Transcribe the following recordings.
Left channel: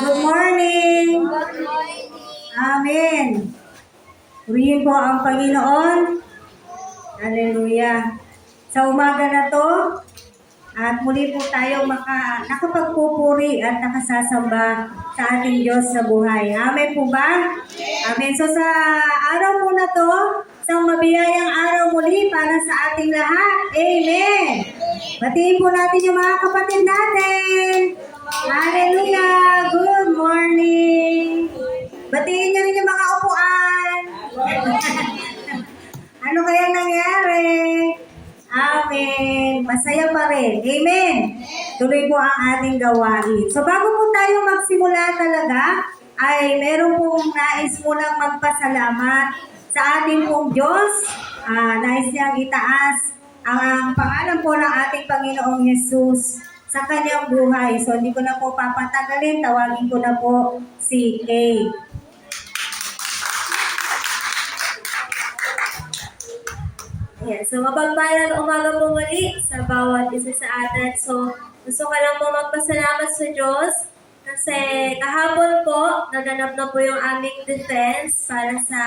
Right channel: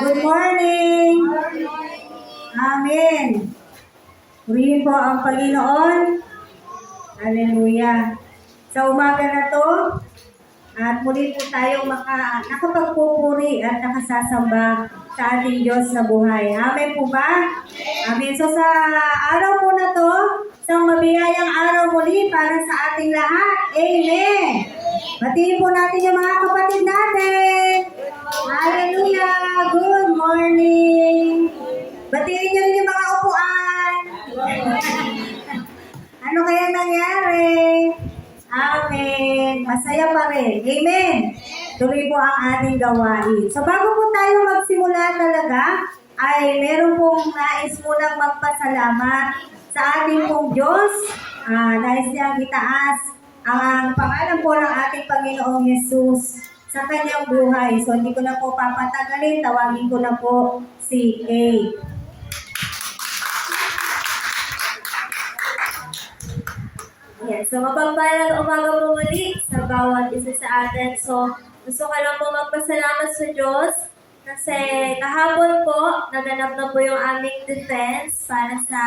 Good morning! Amen! Purihin po ang Panginoon. Hallelujah! Sa umaga na to, at muli po tayo nakapagpupuri at nakasasamba sa ating Diyos sa buhay. Amen po ba? Amen. So sa araw po na to, isang mabiyayang araw muli para sa ating lahat. Amen. Batiin po natin yung mga kapatid natin. Hallelujah. Good morning. Batiin niyo rin yung mga upuan. Ano kaya nangyari? Amen. Masaya pa rin. Amen. Tuloy po ang ating gawain. So bago po tayo magsimula talaga, ay meron pong nais mo lang magpasalamat sa ating pong Diyos. Nais niyang itaas ang pangalan po ng ating Panginoong Yesus sa kanyang buhay. So hindi ko na po papatagalin. Tawagin ko na po si A. So mapagpalang umaga po muli sa bawat isa sa atin. So gusto ko lang po magpasalamat sa Diyos kasi kahapon po naganap na po yung aming defense para sa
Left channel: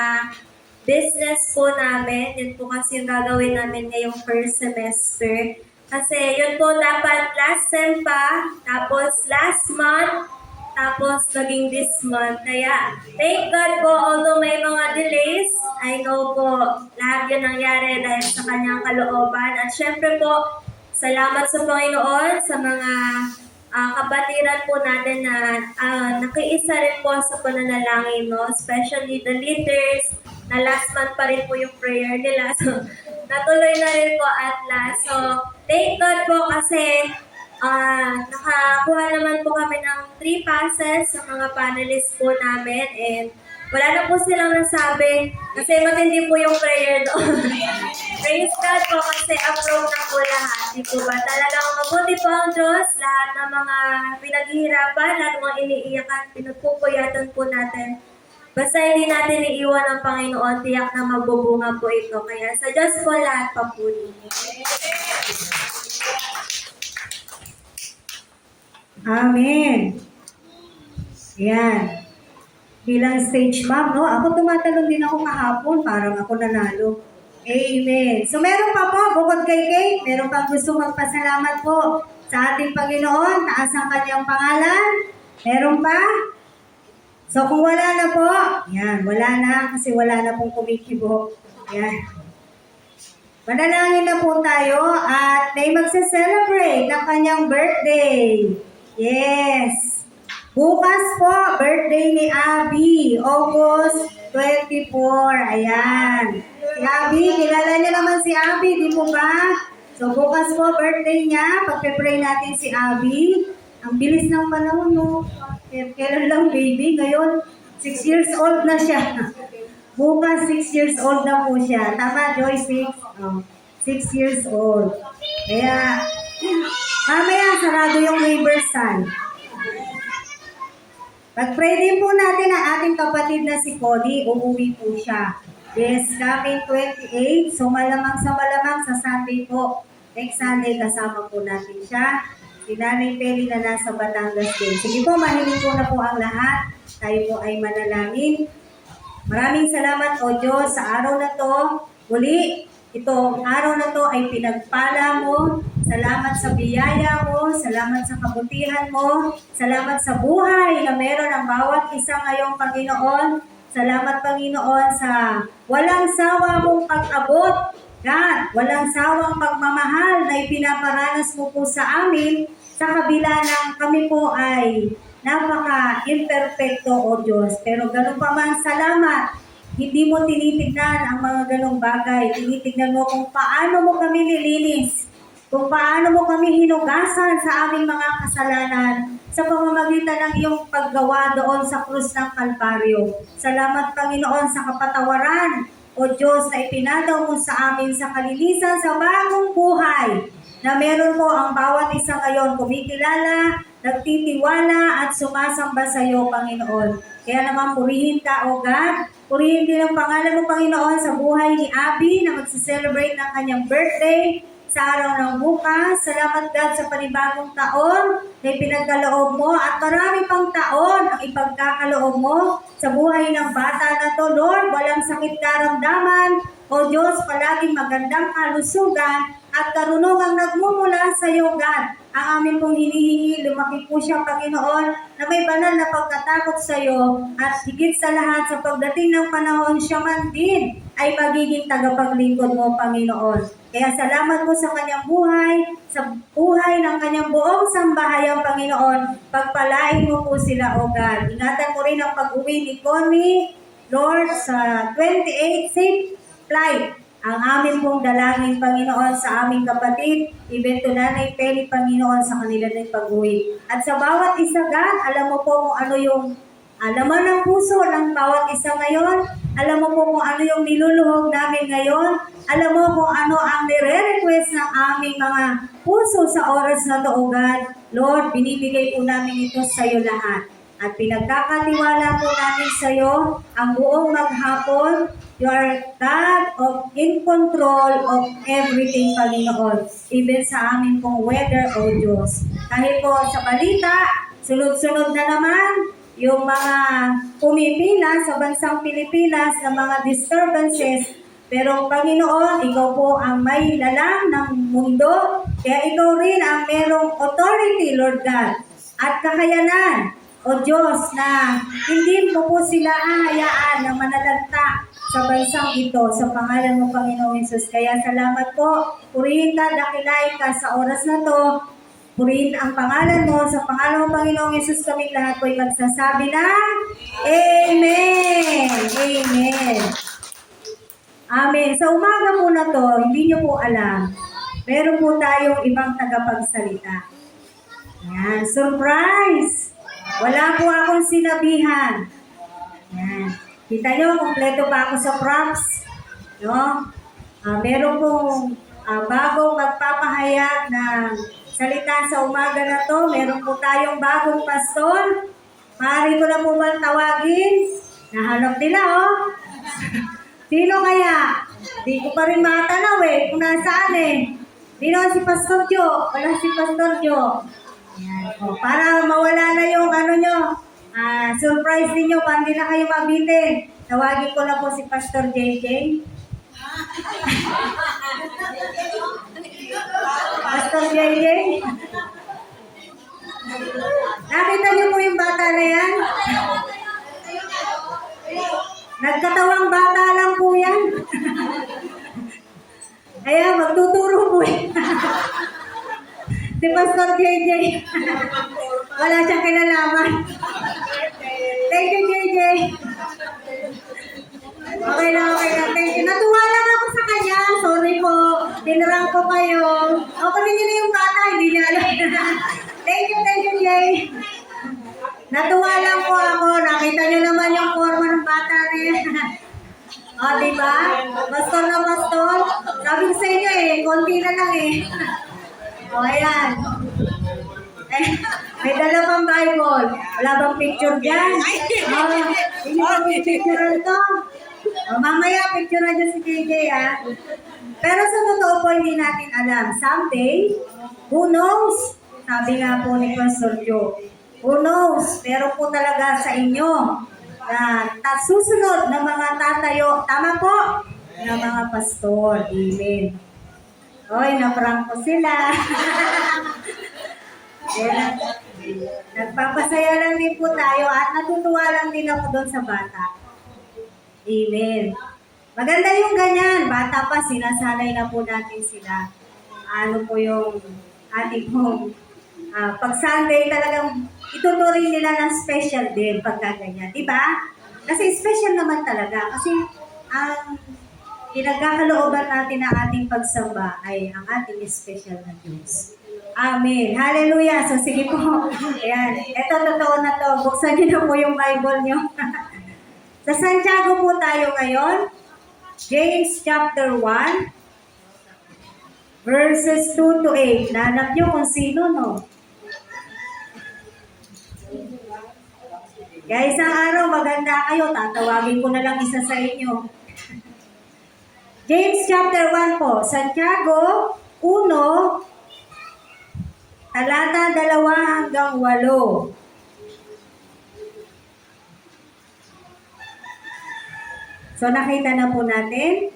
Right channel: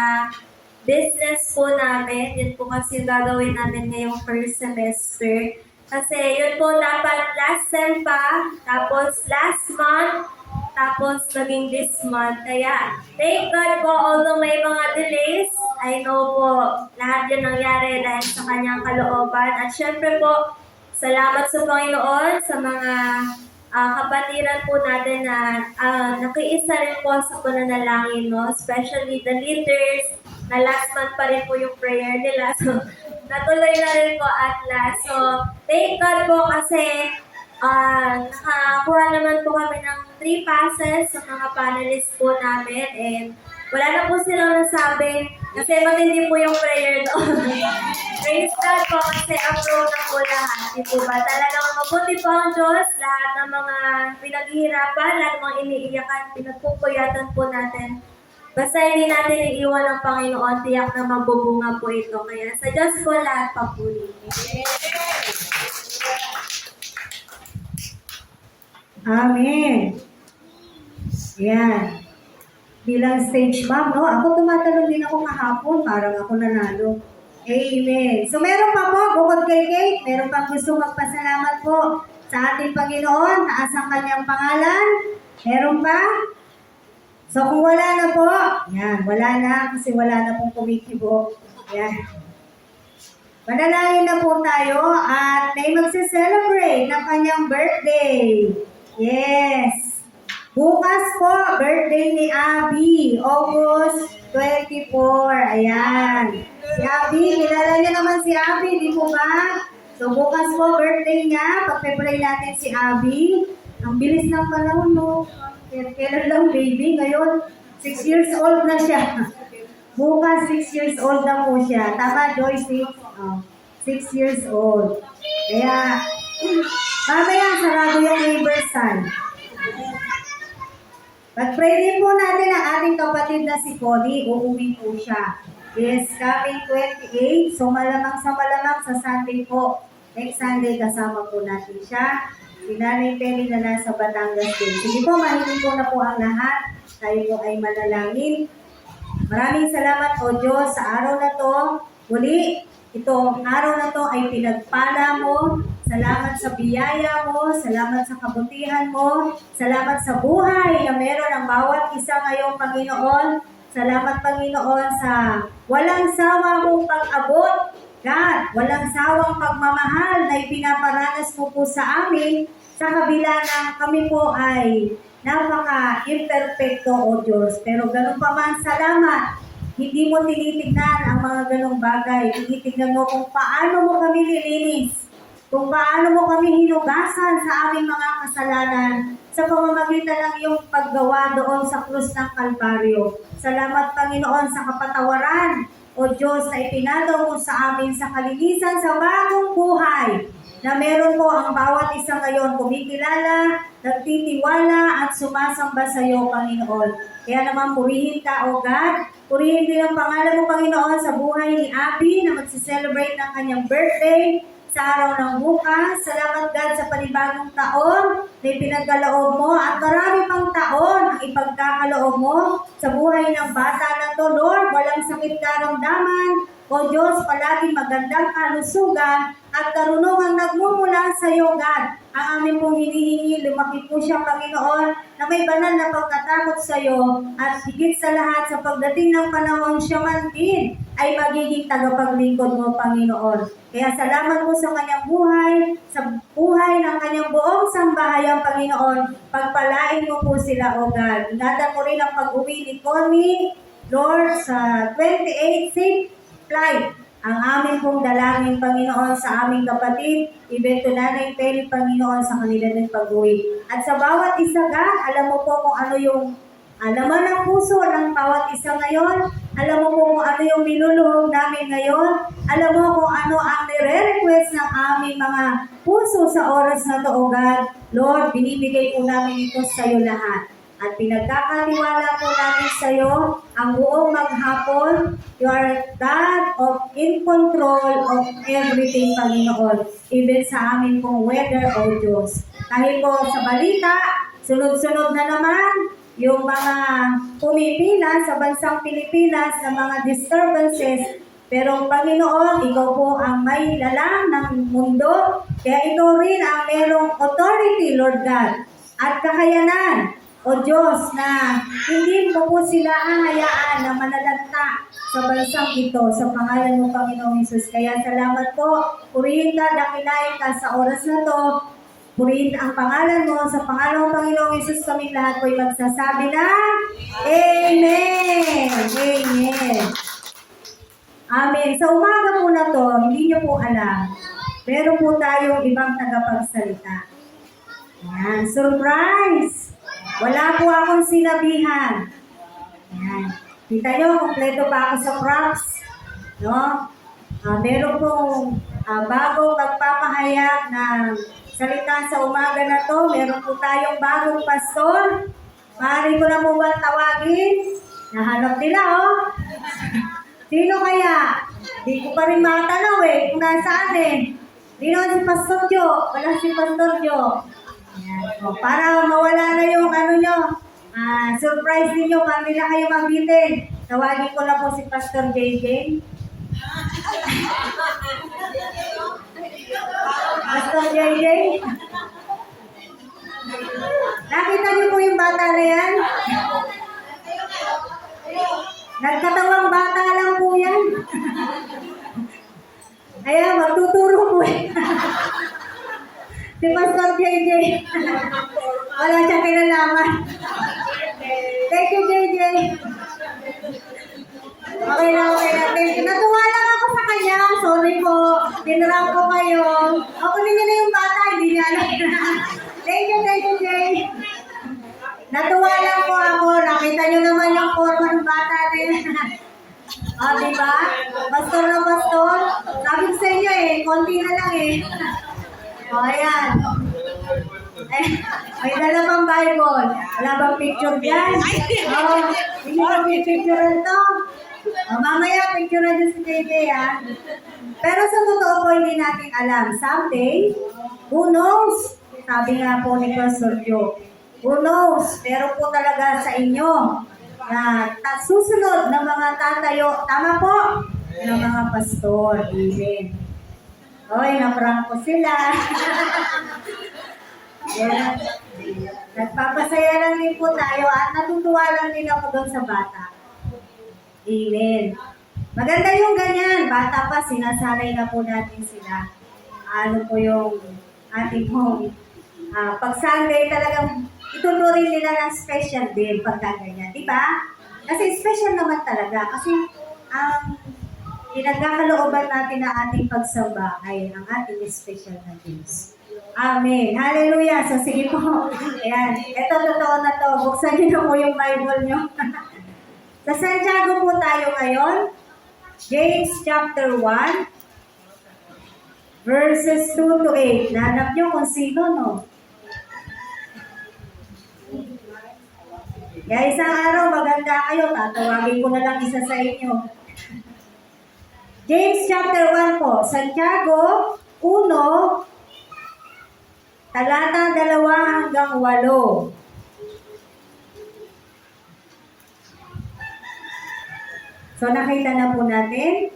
business po namin. Yun po kasi yung gagawin namin ngayong first semester. Kasi yun po dapat last sem pa, tapos last month, tapos naging this month. Kaya, thank God po, although may mga delays, I know po, lahat yan nangyari dahil sa kanyang kalooban. At syempre po, salamat sa Panginoon, sa mga kapatiran po natin na nakiisa rin po sa pananalangin, no? Especially the leaders, na last month pa rin po yung prayer nila. So, natuloy na rin po at last. So, thank God po kasi nakakuha naman po kami ng 3 passes sa mga panelists po namin and wala na po silang nasabi kasi matindi po yung prayer doon. Praise God po kasi approve na po lahat. Di po ba? Talagang mabuti po ang Diyos. Lahat ng mga pinaghihirapan, lahat ng mga iniiyakan, pinagpupuyatan po natin. Basta hindi natin iiwan ang Panginoon, tiyak na magbubunga po ito. Kaya sa Diyos po lahat papuli. Amen. Yan. Bilang stage ma'am, no? Ako tumatalon din ako kahapon, parang ako nanalo. Amen. So meron pa po, bukod kay Kate, meron pang gusto magpasalamat po sa ating Panginoon, taas ang kanyang pangalan. Meron pa? So kung wala na po, yan, wala na kasi wala na pong kumikibo. Yan. Manalangin na po tayo at may magse-celebrate ng kanyang birthday. Yes. Bukas po, birthday ni Abby, August 24. Ayan. Si Abby, kilala niyo naman si Abby, di po ba? So bukas po, birthday niya. Pagpe-pray natin si Abby. Ang bilis ng panahon, no? Kailan lang baby, ngayon 6 years old na siya. Bukas 6 years old na po siya. Tama, Joyce? 6 years old. Kaya, mamaya sarado yung neighbor's son. Pag-pray din po natin ang ating kapatid na si Cody. Uuwi po siya. Yes, coming 28. So malamang sa Sunday po. Next Sunday kasama po natin siya. Si Nanay Penny na nasa Batangas din. Sige po, mahiling po na po ang lahat. Tayo po ay manalangin. Maraming salamat o Diyos sa araw na to. Muli, itong araw na to ay pinagpala mo. Salamat sa biyaya mo. Salamat sa kabutihan mo. Salamat sa buhay na meron ang bawat isa ngayong Panginoon. Salamat Panginoon sa walang sawa mong pag-abot. God, walang sawang pagmamahal na ipinaparanas mo po sa amin sa kabila na kami po ay napaka-imperfecto o Diyos. Pero ganun pa man, salamat. Hindi mo tinitignan ang mga ganong bagay. Tinitignan mo kung paano mo kami nilinis. Kung paano mo kami hinugasan sa aming mga kasalanan sa pamamagitan ng iyong paggawa doon sa krus ng Kalbaryo. Salamat Panginoon sa kapatawaran o Diyos na ipinadaw mo sa amin sa kalinisan sa bagong buhay na meron po ang bawat isa ngayon kumikilala, nagtitiwala at sumasamba sa iyo, Panginoon. Kaya naman purihin ka, O God. Purihin din ang pangalan mo, Panginoon, sa buhay ni Abby na magsiselebrate ng kanyang birthday sa araw ng bukas. Salamat, God, sa panibagong taon na ipinagkaloob mo at marami pang taon ipagkakaloob mo sa buhay ng bata na to, Lord. Walang sakit karamdaman. O Diyos, palaging magandang kalusugan at karunungang nagmumula sa iyo, God. Ang amin pong hinihingi, lumaki po siya, Panginoon, na may banal na pagkatakot sa iyo at higit sa lahat sa pagdating ng panahon, siya man din ay magiging tagapaglingkod mo, Panginoon. Kaya salamat po sa kanyang buhay, sa buhay ng kanyang buong sambahayan, Panginoon. Pagpalain mo po sila, O God. Ingatan mo rin ang pag-uwi ni Connie, Lord, sa 28 safe flight. Ang amin pong dalangin, Panginoon, sa aming kapatid, even to Nanay Peli, Panginoon, sa kanila ng pag-uwi. At sa bawat isa, God, alam mo po kung ano yung laman ng puso ng bawat isa ngayon. Alam mo po kung ano yung niluluhog namin ngayon. Alam mo kung ano ang nire-request ng aming mga puso sa oras na to, O God. Lord, binibigay po namin ito sa iyo lahat. At pinagkakatiwala po namin sa iyo ang buong maghapon. You are God of in control of everything, Panginoon. Even sa amin pong weather, O Diyos. Kahit po sa balita, sunod-sunod na naman yung mga pumipila sa bansang Pilipinas na mga disturbances. Pero Panginoon, ikaw po ang may lalang ng mundo. Kaya ikaw rin ang merong authority, Lord God. At kakayanan, O Diyos, na hindi mo po sila hahayaan na manalagta sa bansang ito sa pangalan mo, Panginoong Hesus. Kaya salamat po. Purihin ka, dakilain ka sa oras na to. Purihin ang pangalan mo. Sa pangalan mo, Panginoong Hesus, kami lahat po'y magsasabi na Amen! Amen! Amen. Sa umaga po na to, hindi niyo po alam, meron po tayong ibang tagapagsalita. Yan. Surprise! Wala po akong sinabihan. Yan. Kita nyo, kompleto pa ako sa props. No? Meron pong bagong magpapahayag ng salita sa umaga na to. Meron po tayong bagong pastor. Maaari ko na po ba tawagin? Nahanap nila, oh. Sino kaya? Di ko pa rin matanaw kung nasaan Dino si Pastor Jo. Wala si Pastor Jo. Ayan. So, para mawala na yung ano nyo, surprise ninyo, para hindi na kayo mabitin. Tawagin ko na po si Pastor JJ. Pastor JJ. Nakita niyo po yung bata na yan? Nagkatawang bata lang po yan. Ayan, magtuturo po si Pastor JJ. Wala siyang kinalaman. Thank you, JJ. Okay na. Thank you. Natuwa lang ako sa kanya. Sorry po. Tinarang ko kayo. Ako niyo na yung bata. Hindi niya alam. Thank you, Jay. Natuwa lang po ako. Nakita niyo naman yung forma ng bata rin. Diba? Pastor na pastor. Sabi ko sa inyo konti na lang ayan. May dala pang Bible. Wala bang picture dyan? Hindi ba picture to? Mamaya picture na dyan si JJ Pero sa totoo po, hindi natin alam. Someday, who knows? Sabi nga po ni Pastor Joe. Who knows? Pero po talaga sa inyo na susunod na mga tatayo, tama po? Na mga pastor. Amen. Oy, na-prank ko sila. Nagpapasaya lang din po tayo at natutuwa lang din ako doon sa bata. Amen. Maganda yung ganyan. Bata pa, sinasanay na po natin sila. Ano po yung ating home. Pag Sunday talagang ituturing nila ng special din pagka ganyan. Diba? Kasi special naman talaga. Kasi ang pinagkakalooban natin na ating pagsamba ay ang ating special na Diyos. Amen. Hallelujah. So sige po. Ayan. Ito totoo na to. Buksan niyo na po yung Bible niyo. Sa Santiago po tayo ngayon. James chapter 1. Verses 2 to 8. Nahanap niyo kung sino, no? Kaya isang araw maganda kayo. Tatawagin ko na lang isa sa inyo. James chapter 1 po. Santiago 1, talata 2 hanggang 8. So nakita na po natin.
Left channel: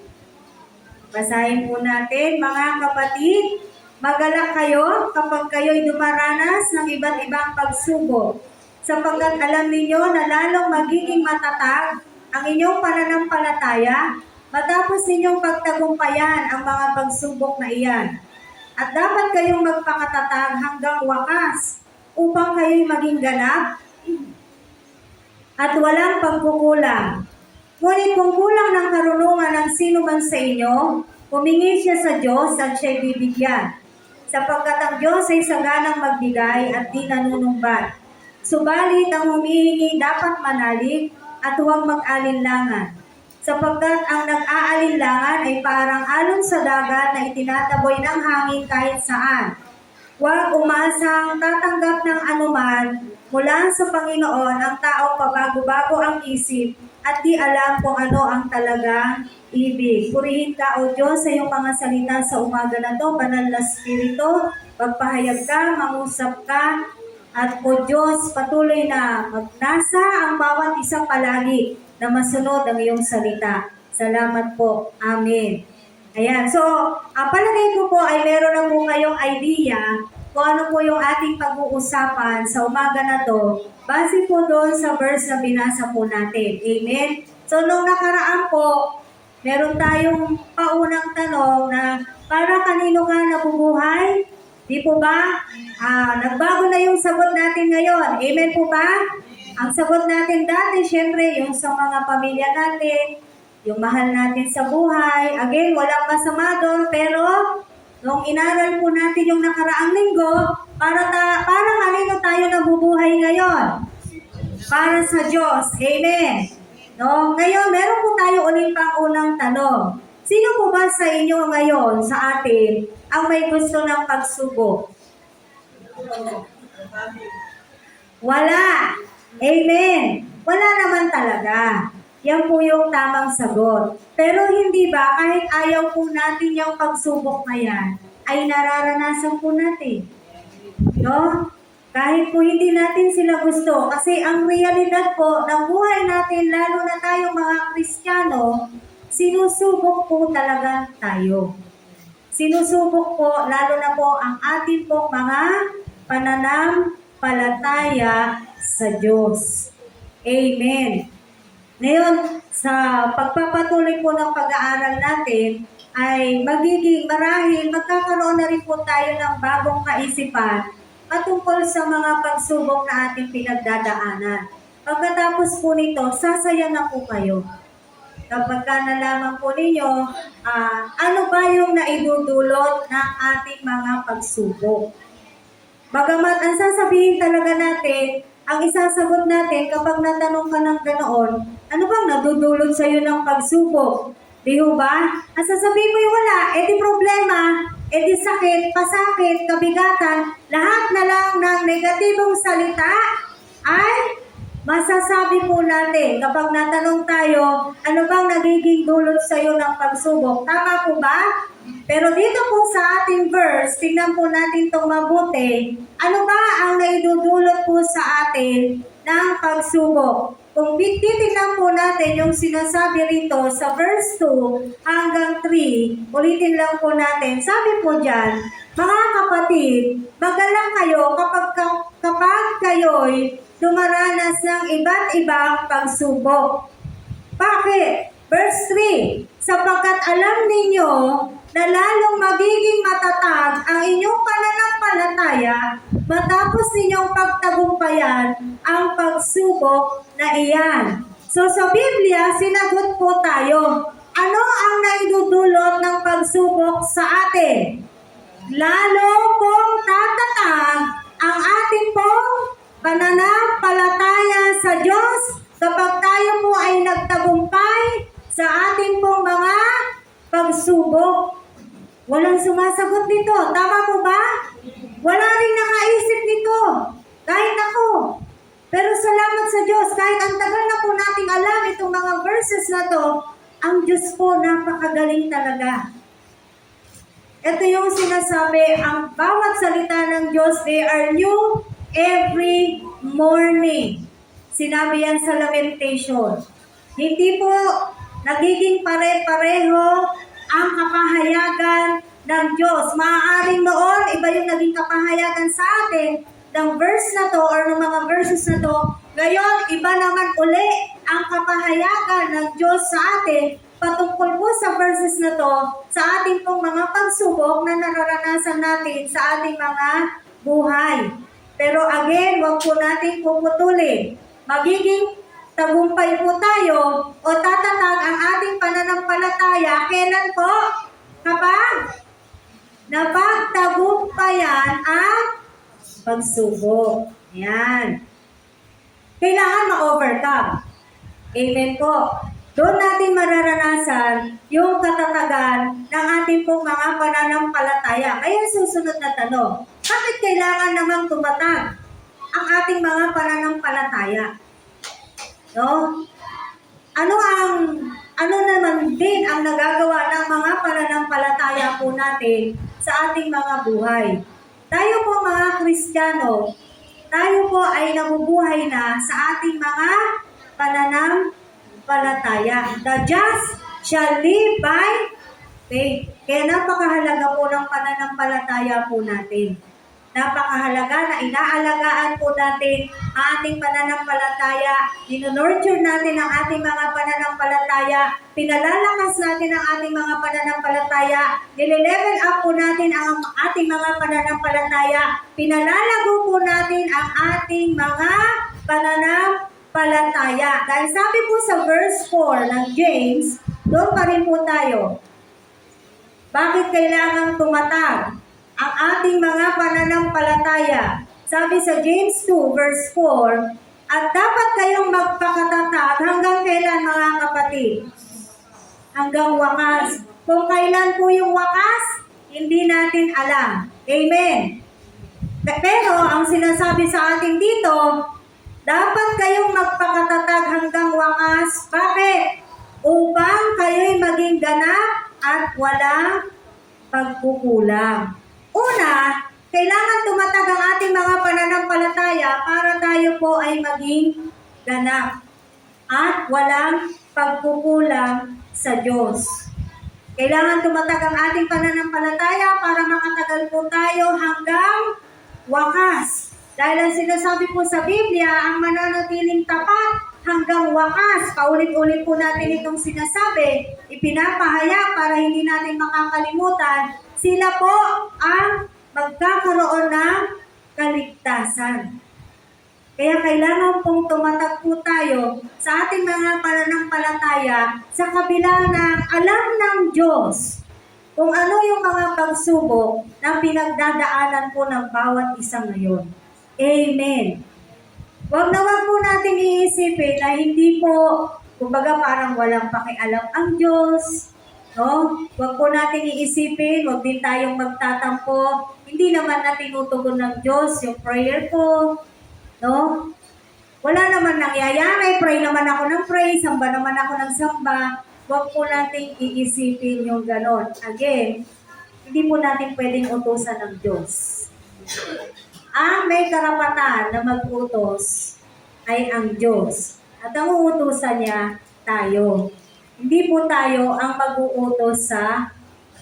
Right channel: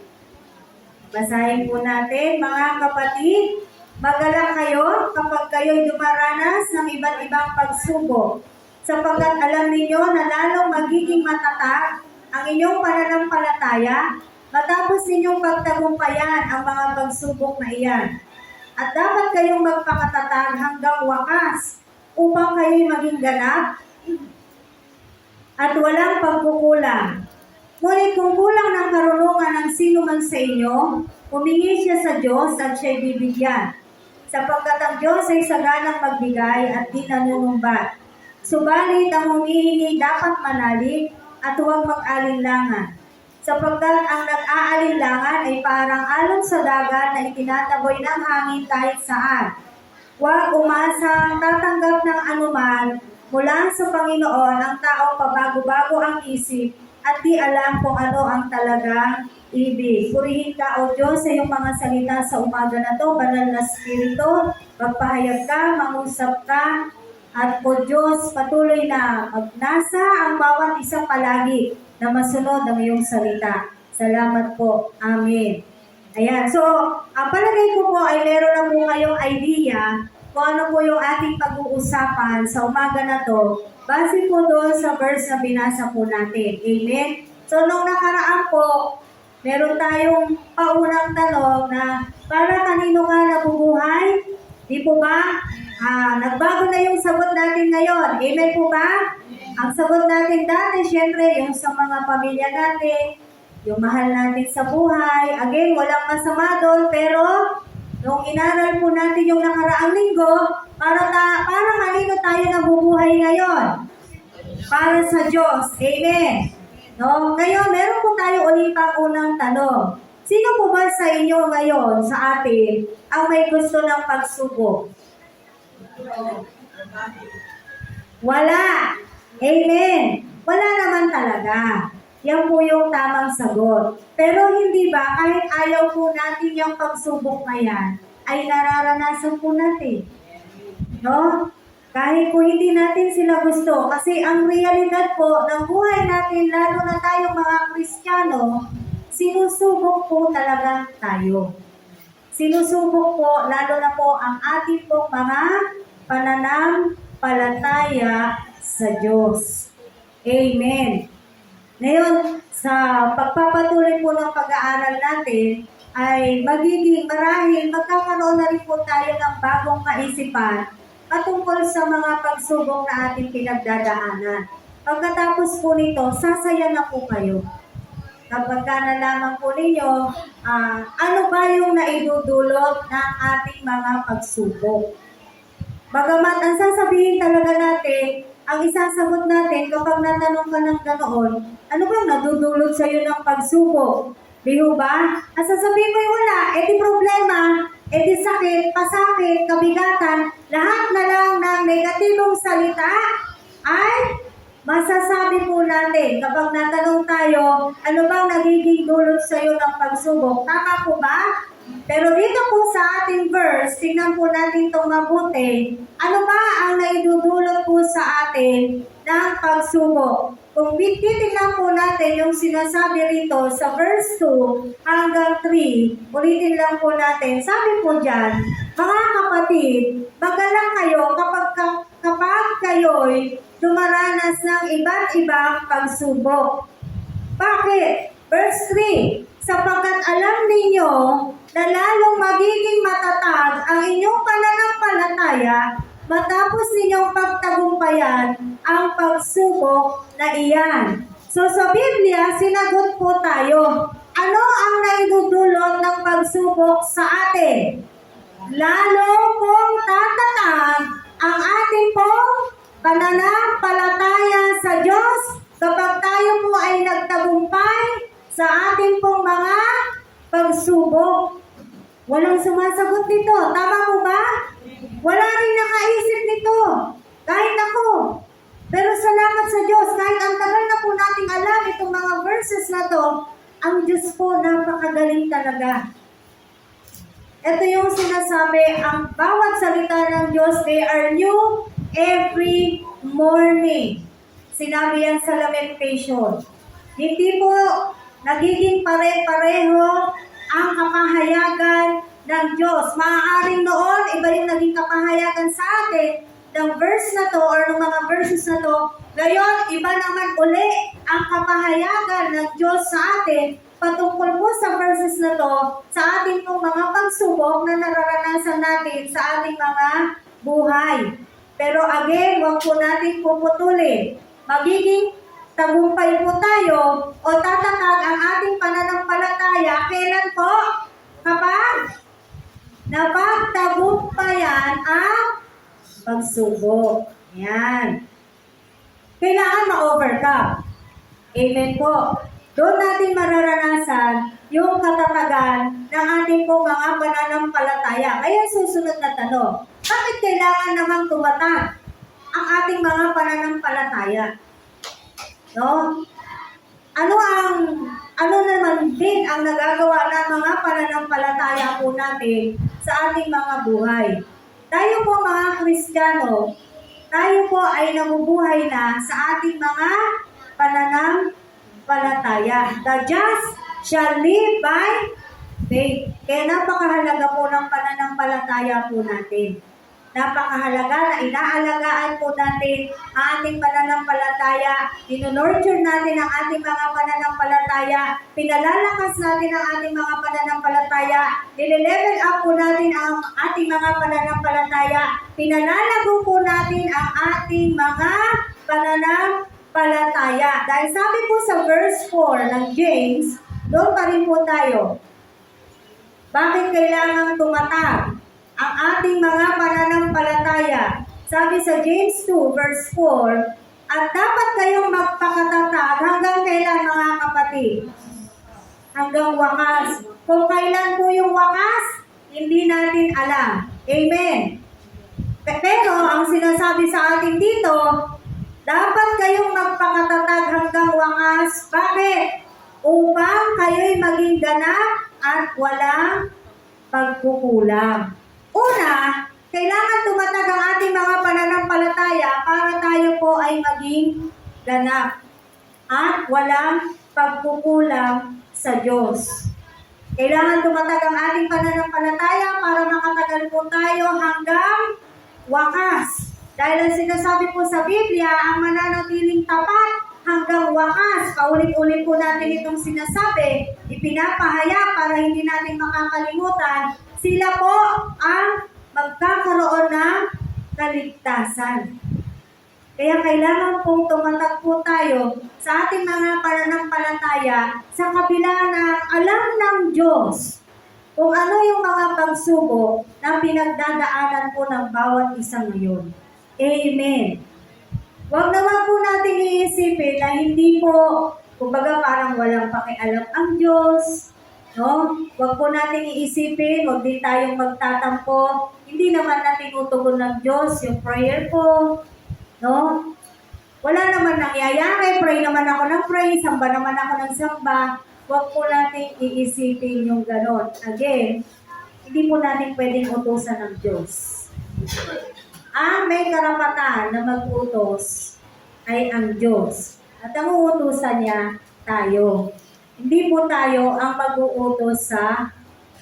Basahin po natin, mga kapatid, magalak kayo kapag kayo'y dumaranas ng iba't ibang pagsubok, sapagkat alam ninyo na lalong magiging matatag ang inyong pananampalataya matapos ninyong pagtagumpayan ang mga pagsubok na iyan. At dapat kayong magpakatatag hanggang wakas upang kayo'y maging ganap at walang pagkukulang. Ngunit kung kulang ng karunungan ng sino man sa inyo, humingi siya sa Diyos at siya'y bibigyan. Sapagkat ang Diyos ay saganang magbigay at di nanunumbat. Subalit ang humihingi dapat manalig at huwag mag-alinlangan. Sapagkat ang nag-aalinlangan ay parang alon sa dagat na itinataboy ng hangin kahit saan. Huwag umasang tatanggap ng anuman mula sa Panginoon ang taong pabago-bago ang isip at di alam kung ano ang talagang ibig. Purihin ka, O Diyos, sa iyong mga salita sa umaga na to, banal na Espiritu, magpahayag ka, mangusap ka, at O Diyos, patuloy na magnasa ang bawat isa palagi na masunod ang iyong salita. Salamat po. Amen. Ayan, so, palagay ko po ay meron na po kayong idea kung ano po yung ating pag-uusapan sa umaga na to, base po doon sa verse na binasa po natin. Amen? So, nung nakaraan po, meron tayong paunang tanong na para kanino ka nabubuhay? Di po ba? Nagbago na yung sagot natin ngayon. Amen po ba? Ang sagot natin dati, syempre, yung sa mga pamilya natin, yung mahal natin sa buhay. Again, walang masama doon, pero nung inaral po natin yung nakaraang linggo, para kanino tayo nabubuhay ngayon? Para sa Diyos. Amen. No? Ngayon, meron po tayo ulit pang unang tanong. Sino po ba sa inyo ngayon, sa atin, ang may gusto ng pagsubok? Wala. Amen. Wala naman talaga. Yan po yung tamang sagot. Pero hindi ba, kahit ayaw po natin yung pagsubok na yan, ay nararanasan po natin. No? Kahit po hindi natin sila gusto. Kasi ang realidad po ng buhay natin, lalo na tayong mga Kristiyano, sinusubok po talaga tayo. Sinusubok po, lalo na po ang ating pong mga pananampalataya sa Diyos. Amen. Ngayon, sa pagpapatuloy po ng pag-aaral natin, ay marahil magkakaroon na rin po tayo ng bagong kaisipan patungkol sa mga pagsubok na ating pinagdadaanan. Pagkatapos po nito, sasaya na po kayo. Kapag nalaman po ninyo, ano ba yung naidudulot ng ating mga pagsubok. Bagamat ang sasabihin talaga natin, ang isasagot natin kapag natanong ka ng ganoon, ano bang nadudulot sa iyo ng pagsubok? Di ba? Ang sasabihin mo yung wala, edi problema, edi sakit, pasakit, kabigatan, lahat na lang ng negatibong salita ay masasabi po natin kapag natanong tayo, ano bang nagiging dulot sa iyo ng pagsubok? Tama po ba? Pero dito po sa ating verse, tingnan po natin itong mabuti, ano ba ang naidudulot po sa atin ng pagsubok? Kung titignan po natin yung sinasabi rito sa verse 2 hanggang 3, ulitin lang po natin, sabi po dyan, mga kapatid, magalak kayo kapag kayo'y dumaranas ng iba't ibang pagsubok. Bakit? Verse 3, sapagkat alam ninyo na lalong magiging matatag ang inyong pananampalataya matapos ninyong pagtagumpayan ang pagsubok na iyan. So sa Biblia, sinagot po tayo, ano ang naidudulot ng pagsubok sa atin? Lalo pong tatatag ang ating pong pananampalataya sa Diyos kapag tayo po ay nagtagumpay sa ating pong mga pagsubok. Walang sumasagot nito. Tama po ba? Wala rin nakaisip nito. Kahit ako. Pero salamat sa Diyos, kahit ang tagal na po nating alam itong mga verses na to, ang Diyos po napakagaling talaga. Ito yung sinasabi, ang bawat salita ng Diyos, they are new every morning. Sinabi yan sa Lamentation. Hindi po nagiging pare-pareho ang kapahayagan ng Diyos. Maaaring noon, iba yung naging kapahayagan sa atin ng verse na to or ng mga verses na to. Ngayon, iba naman uli ang kapahayagan ng Diyos sa atin patungkol po sa verses na to sa ating pong mga pagsubok na nararanasan natin sa ating mga buhay. Pero again, huwag po natin puputulin. Magiging tagumpay po tayo o tatatag ang ating pananampalataya. Kailan po? Kapag napagtagumpayan ang pagsubok. Yan. Kailangan ma-overcome. Amen po. Doon natin mararanasan yung katatagan ng ating pong mga pananampalataya. Kaya susunod na tanong, bakit kailangan namang tumatag ang ating mga pananampalataya? No? Ano naman din ang nagagawa ng mga pananampalataya po natin sa ating mga buhay? Tayo po mga Kristiyano, tayo po ay nabubuhay na sa ating mga pananampalataya. The just shall live by faith. Kaya napakahalaga po ng pananampalataya po natin. Napakahalaga na inaalagaan po natin ang ating pananampalataya, inonurture natin ang ating mga pananampalataya, pinalalakas natin ang ating mga pananampalataya, nile-level up po natin ang ating mga pananampalataya, pinalalago po natin ang ating mga pananampalataya. Dahil sabi po sa verse 4 ng James, doon pa rin po tayo. Bakit kailangan tumatag ang ating mga pananampalataya? Sabi sa James 2 verse 4, at dapat kayong magpakatatag hanggang kailan mga kapatid? Hanggang wakas. Kung kailan po yung wakas, hindi natin alam. Amen. Pero ang sinasabi sa atin dito, dapat kayong magpakatatag hanggang wakas. Bakit? Upang kayo'y maging ganap at walang pagkukulang. Una, kailangan tumatag ang ating mga pananampalataya para tayo po ay maging ganap at walang pagkukulang sa Diyos. Kailangan tumatag ang ating pananampalataya para makatagal po tayo hanggang wakas. Dahil ang sinasabi po sa Biblia, ang mananatiling tapat hanggang wakas. Paulit-ulit po natin itong sinasabi, ipinapahayag para hindi natin makakalimutan. Sila po ang magkakaroon ng kaligtasan. Kaya kailangan pong tumatag po tayo sa ating mga pananampalataya sa kabila ng alam ng Diyos kung ano yung mga pagsubok na pinagdadaanan po ng bawat isa ngayon. Amen. Huwag na huwag po natin iisipin na hindi po, kumbaga parang walang pakialam ang Diyos. No? Huwag po natin iisipin, huwag din tayong magtatampo. Hindi naman na tinutugon ng Diyos yung prayer ko. No? Wala naman nangyayari, pray naman ako ng pray, samba naman ako ng samba. Huwag po natin iisipin yung ganon. Again, hindi po natin pwedeng utusan ng Diyos. Ang may karapatan na mag-utos ay ang Diyos. At ang uutusan niya, tayo. Hindi po tayo ang mag-uutos sa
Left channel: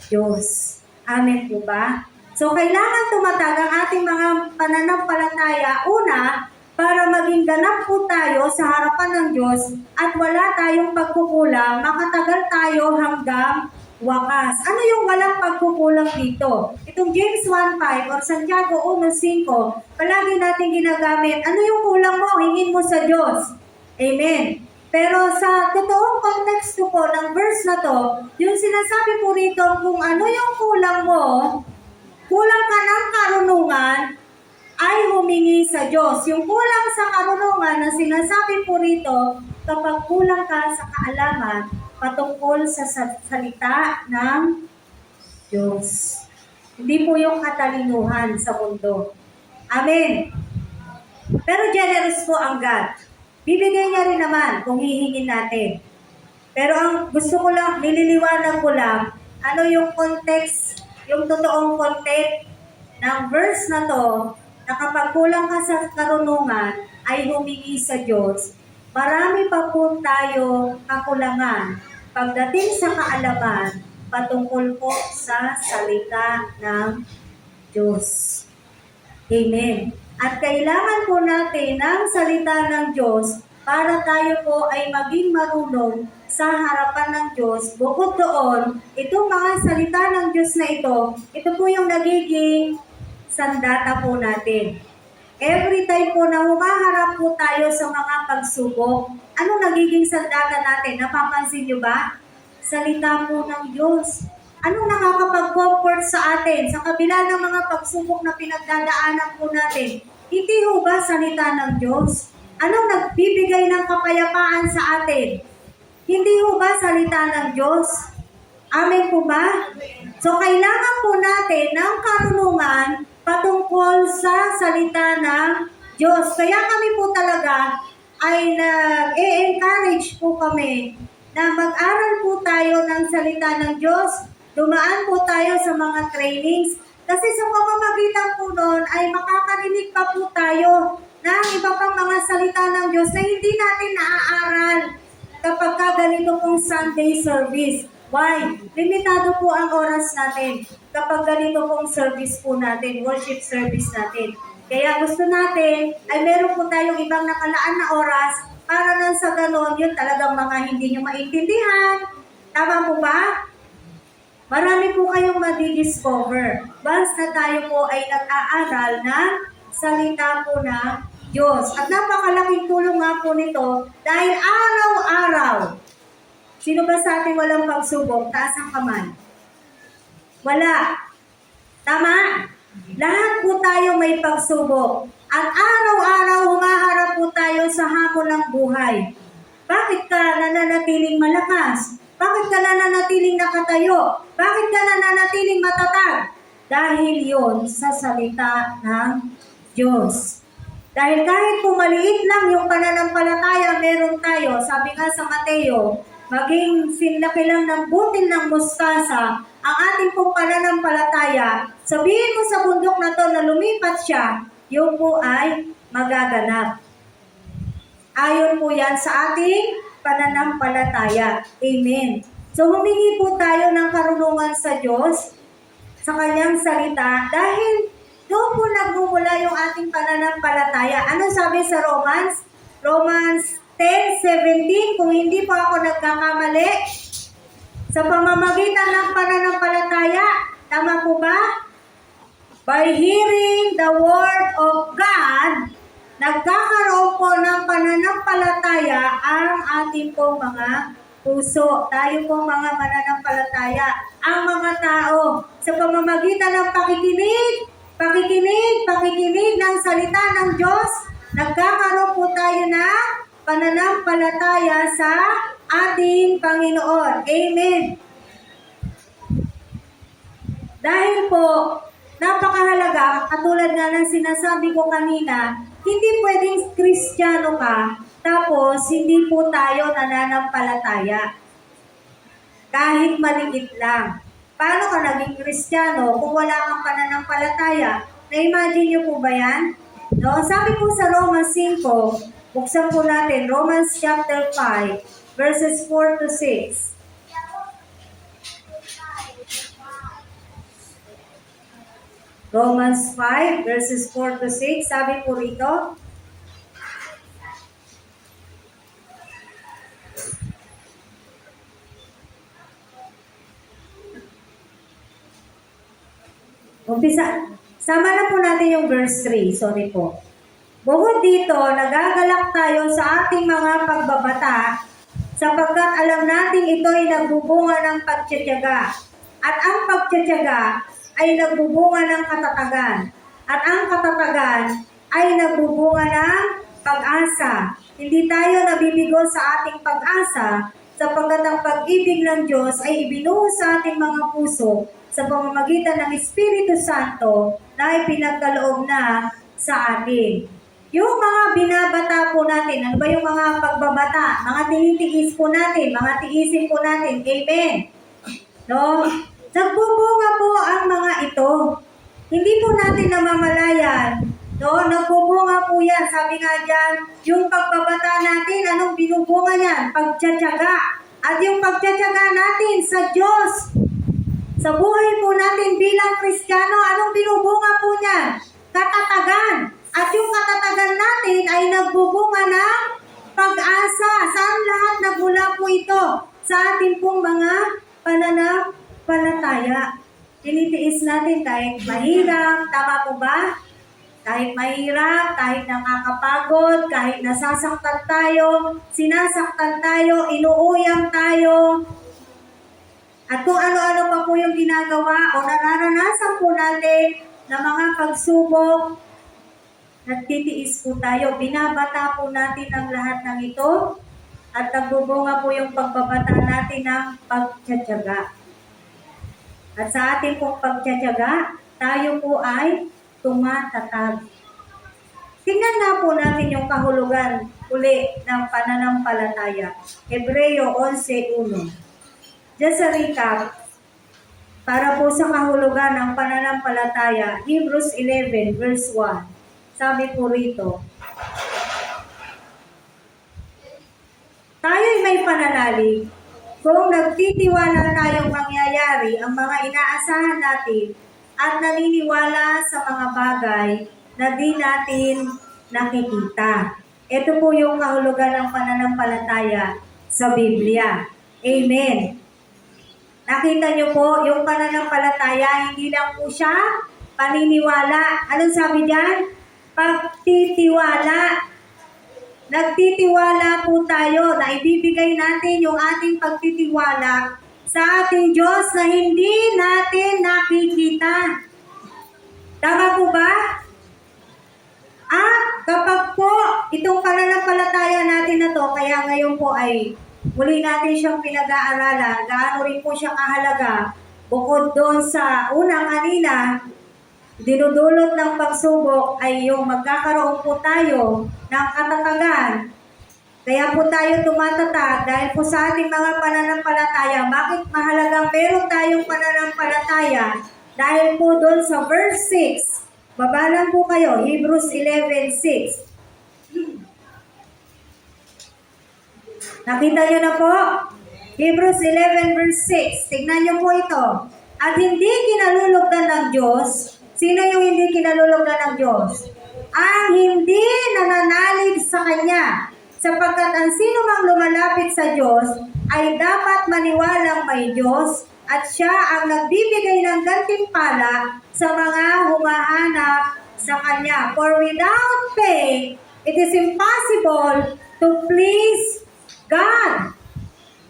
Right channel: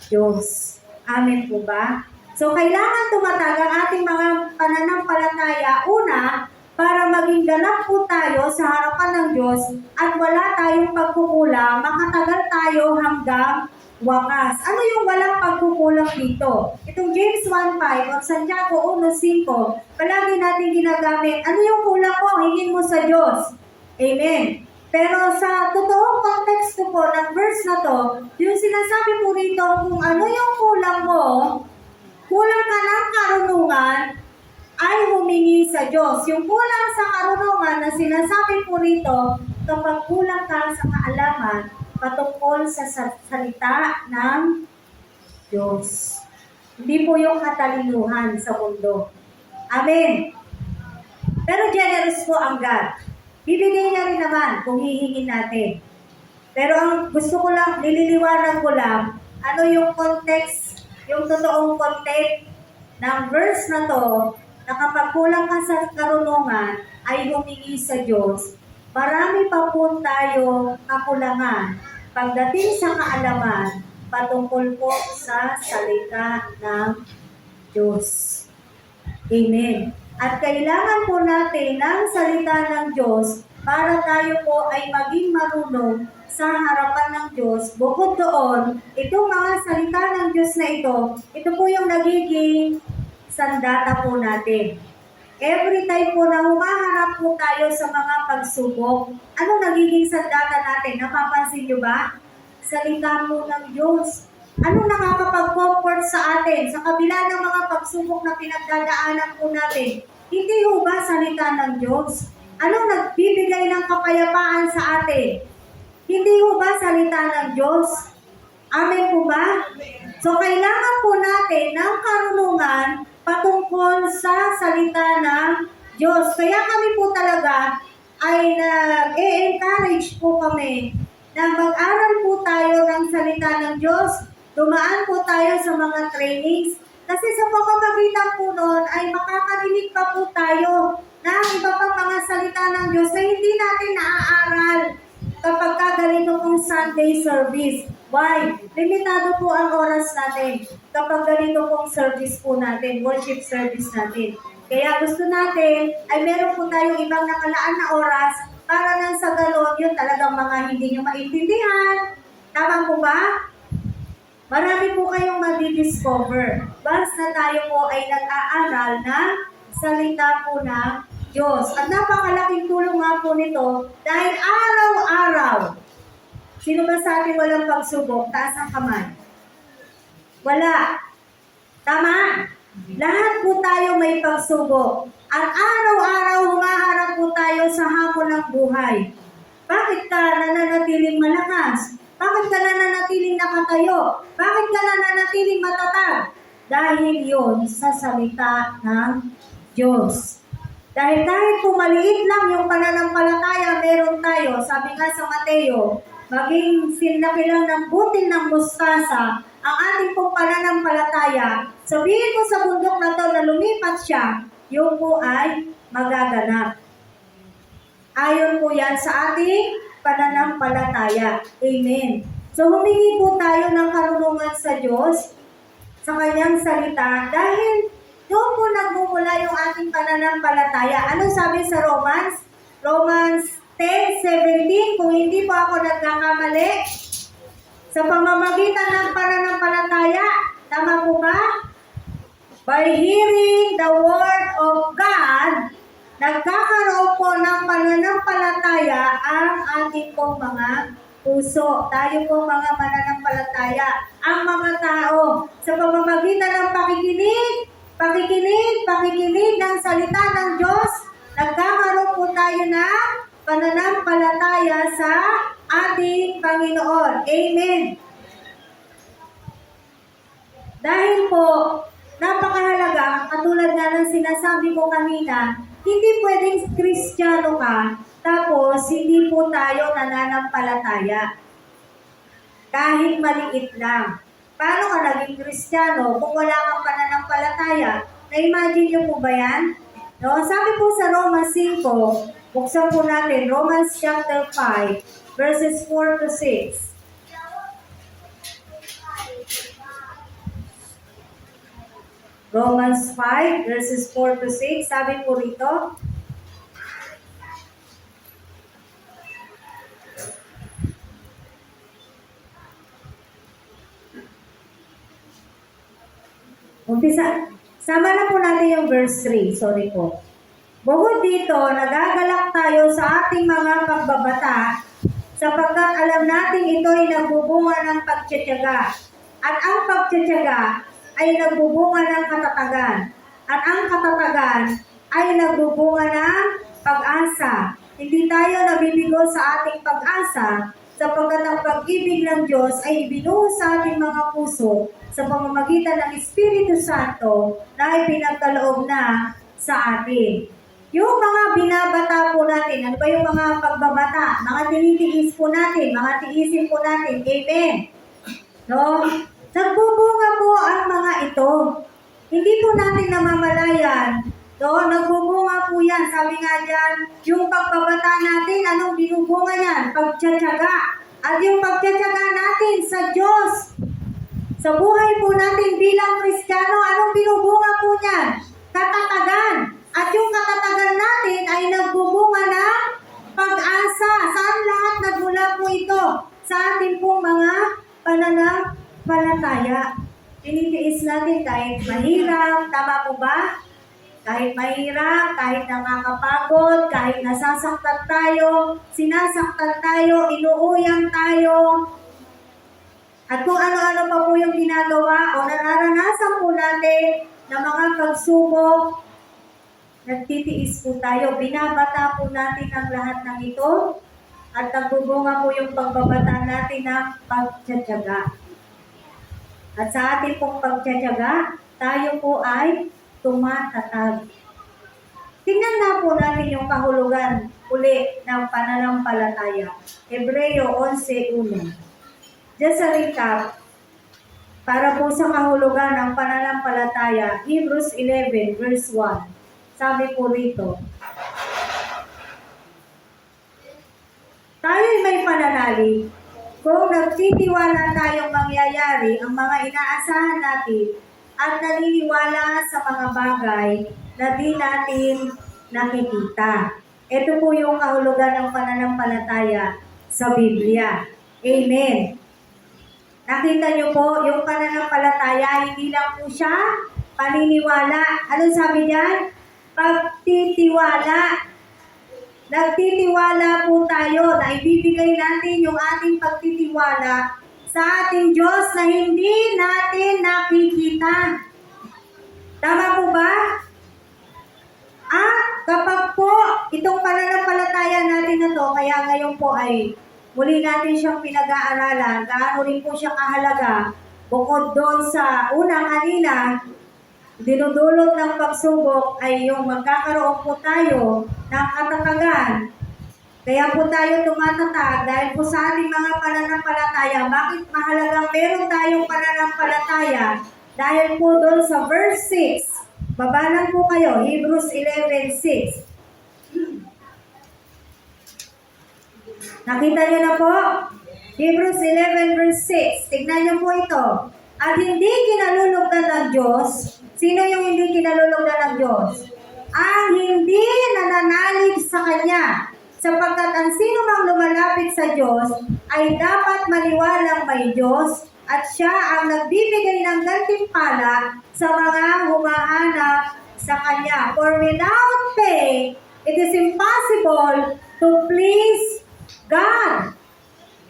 Diyos. Amen po ba? So, kailangan tumatag ang ating mga pananampalataya. Una, para maging ganap po tayo sa harapan ng Diyos at wala tayong pagkukulang, makatagal tayo hanggang wakas. Ano yung walang pagkukulang dito? Itong James 1.5 or Santiago 1.5, palagi natin ginagamit. Ano yung kulang mo? Hingin mo sa Diyos. Amen. Pero sa totoong konteksto po ng verse na to, yung sinasabi po rito kung ano yung kulang mo, kulang ka ng karunungan, ay humingi sa Diyos. Yung kulang sa karunungan na sinasabi po rito, kapag kulang ka sa kaalaman patungkol sa salita ng Diyos. Hindi po yung katalinuhan sa mundo. Amen. Pero generous po ang God. Bibigay niya rin naman kung hihingin natin. Pero ang gusto ko lang, nililiwanag ko lang, ano yung context, yung totoong context ng verse na to, na kapag kulang ka sa karunungan, ay humingi sa Diyos. Marami pa po tayo kakulangan pagdating sa kaalaman patungkol po sa salita ng Diyos. Amen. At kailangan po natin ng salita ng Diyos para tayo po ay maging marunong sa harapan ng Diyos. Bukod doon, itong mga salita ng Diyos na ito po yung nagiging sandata po natin. Every time po na humaharap po tayo sa mga pagsubok, ano nagiging sandata natin? Napapansin nyo ba? Salita po ng Diyos. Ano nakakapag-comfort sa atin sa kabila ng mga pagsubok na pinagdadaanan po natin? Hindi ho ba salita ng Diyos? Ano nagbibigay ng kapayapaan sa atin? Hindi ho ba salita ng Diyos? Amen po ba? So kailangan po natin ng karunungan patungkol sa salita ng Diyos. Kaya kami po talaga ay nag-encourage po kami na mag-aral po tayo ng salita ng Diyos. Dumaan po tayo sa mga trainings. Kasi sa pamamagitan po noon ay makakarinig pa po tayo ng iba pang mga salita ng Diyos na hindi natin naaaral kapag ganito pong Sunday service. Why? Limitado po ang oras natin kapag ganito pong service po natin, worship service natin. Kaya gusto natin ay meron po tayong ibang nakalaan na oras para nang sa ganon yun talagang mga hindi nyo maintindihan. Tama po ba? Marami po kayong madi-discover once na tayo po ay nag-aaral ng salita po ng Diyos. At napakalaking tulong nga po nito dahil araw-araw. Sino ba sa ating walang pagsubok? Taas ang kamay. Wala. Tama? Lahat po tayo may pagsubok. At araw-araw humaharap po tayo sa hamon ng buhay. Bakit ka nananatiling malakas? Bakit ka nananatiling nakatayo? Bakit ka nananatiling matatag? Dahil yon sa salita ng Diyos. Dahil kahit po maliit lang yung pananampalataya meron tayo, sabi nga sa Mateo, maging sinlaki lang ng butil ng mustasa ang ating pong pananampalataya, sabihin mo sa bundok na to na lumipat siya, yun po ay magaganap. Ayon po yan sa ating pananampalataya. Amen. So humingi po tayo ng karunungan sa Diyos, sa kanyang salita, dahil doon po nagmumula yung ating pananampalataya. Ano sabi sa Romans? Romans 10:17, kung hindi po ako nagkakamali, sa pamamagitan ng pananampalataya, tama po ba? By hearing the word of God, nagkakaroon po ng pananampalataya ang ating pong mga puso. Tayo po mga mananampalataya, ang mga tao, sa pamamagitan ng pakikinig ng salita ng Diyos, nagkakaroon po tayo ng pananampalataya sa ating Panginoon. Amen. Dahil po, napakahalaga, katulad nga ng sinasabi ko kanina, hindi pwedeng Kristiyano ka, tapos hindi po tayo nananampalataya. Kahit maliit lang. Paano ka naging Kristiyano kung wala kang pananampalataya? Na-imagine niyo po ba yan? No? Sabi po sa Romans 5, buksan po natin, Romans chapter 5, verses 4 to 6. Romans 5, verses 4 to 6, sabi po rito, umpisa, sama na po natin yung verse 3, sorry po. Bukod dito, nagagalak tayo sa ating mga pagbabata sapagkat alam natin ito ay nagbubunga ng pagtitiyaga. At ang pagtitiyaga ay nagbubunga ng katatagan. At ang katatagan ay nagbubunga ng pag-asa. Hindi tayo nabibigo sa ating pag-asa sapagkat ang pag-ibig ng Diyos ay ibinuhos sa ating mga puso sa pamamagitan ng Espiritu Santo na ipinagkaloob na sa atin. Yung mga binabata po natin, ano ba yung mga pagbabata? Mga tinitiis po natin, mga tiisin po natin. Amen. No? Nagbubunga po ang mga ito. Hindi po natin namamalayan. No? Nagbubunga po yan. Sabi nga dyan, yung pagbabata natin, anong binubunga yan? Pagtsatsaga. At yung pagtsatsaga natin sa Diyos, sa buhay po natin bilang Kristiyano, anong binubunga po niyan? Katatagan. At yung katatagan natin ay nagbubunga ng pag-asa. Saan lahat nagmula po ito? Sa ating pong mga pananampalataya. Tinitiis natin kahit mahirap, tama po ba? Kahit mahirap, kahit nakakapagod, kahit nasasaktan tayo, sinasaktan tayo, inuuyam tayo, at kung ano-ano pa po yung ginagawa o nararanasan po natin na mga pagsubok, nagtitiis po tayo. Binabata po natin ang lahat ng ito at nagbubunga po yung pagbabata natin ng pagtsatsaga. At sa ating pong pagtsatsaga, tayo po ay tumatatag. Tingnan na po natin yung kahulugan uli ng pananampalataya. Hebreo 11:1. Just a recap, para po sa kahulugan ng pananampalataya, Hebrews 11 verse 1. Sabi po rito, tayo'y may pananalig kung nagtitiwala tayong mangyayari ang mga inaasahan natin at naniniwala sa mga bagay na di natin nakikita. Ito po yung kahulugan ng pananampalataya sa Biblia. Amen. Nakita niyo po, yung pananampalataya, hindi lang po siya paniniwala. Anong sabi diyan? Pagtitiwala. Nagtitiwala po tayo na ibibigay natin yung ating pagtitiwala sa ating Diyos na hindi natin nakikita. Tama po ba? At kapag po itong pananampalataya natin na to, kaya ngayon po ay muli natin siyang pinag-aaralan, gaano rin po siya kahalaga, bukod doon sa unang kanina, dinudulot ng pagsubok ay yung magkakaroon po tayo ng katatagan. Kaya po tayo tumatatag dahil po sa ating mga pananampalataya. Bakit mahalagang meron tayong pananampalataya? Dahil po doon sa verse 6, babalan po kayo, Hebrews 11:6. Nakita niyo na po? Hebrews 11 verse 6. Tignan niyo po ito. At hindi kinalulugdan ng Diyos. Sino yung hindi kinalulugdan ng Diyos? Ang hindi nananalig sa Kanya. Sapagkat ang sino mang lumalapit sa Diyos ay dapat maniwalang may Diyos at Siya ang nagbibigay ng gantimpala sa mga humahanap sa Kanya. For without faith, it is impossible to please God.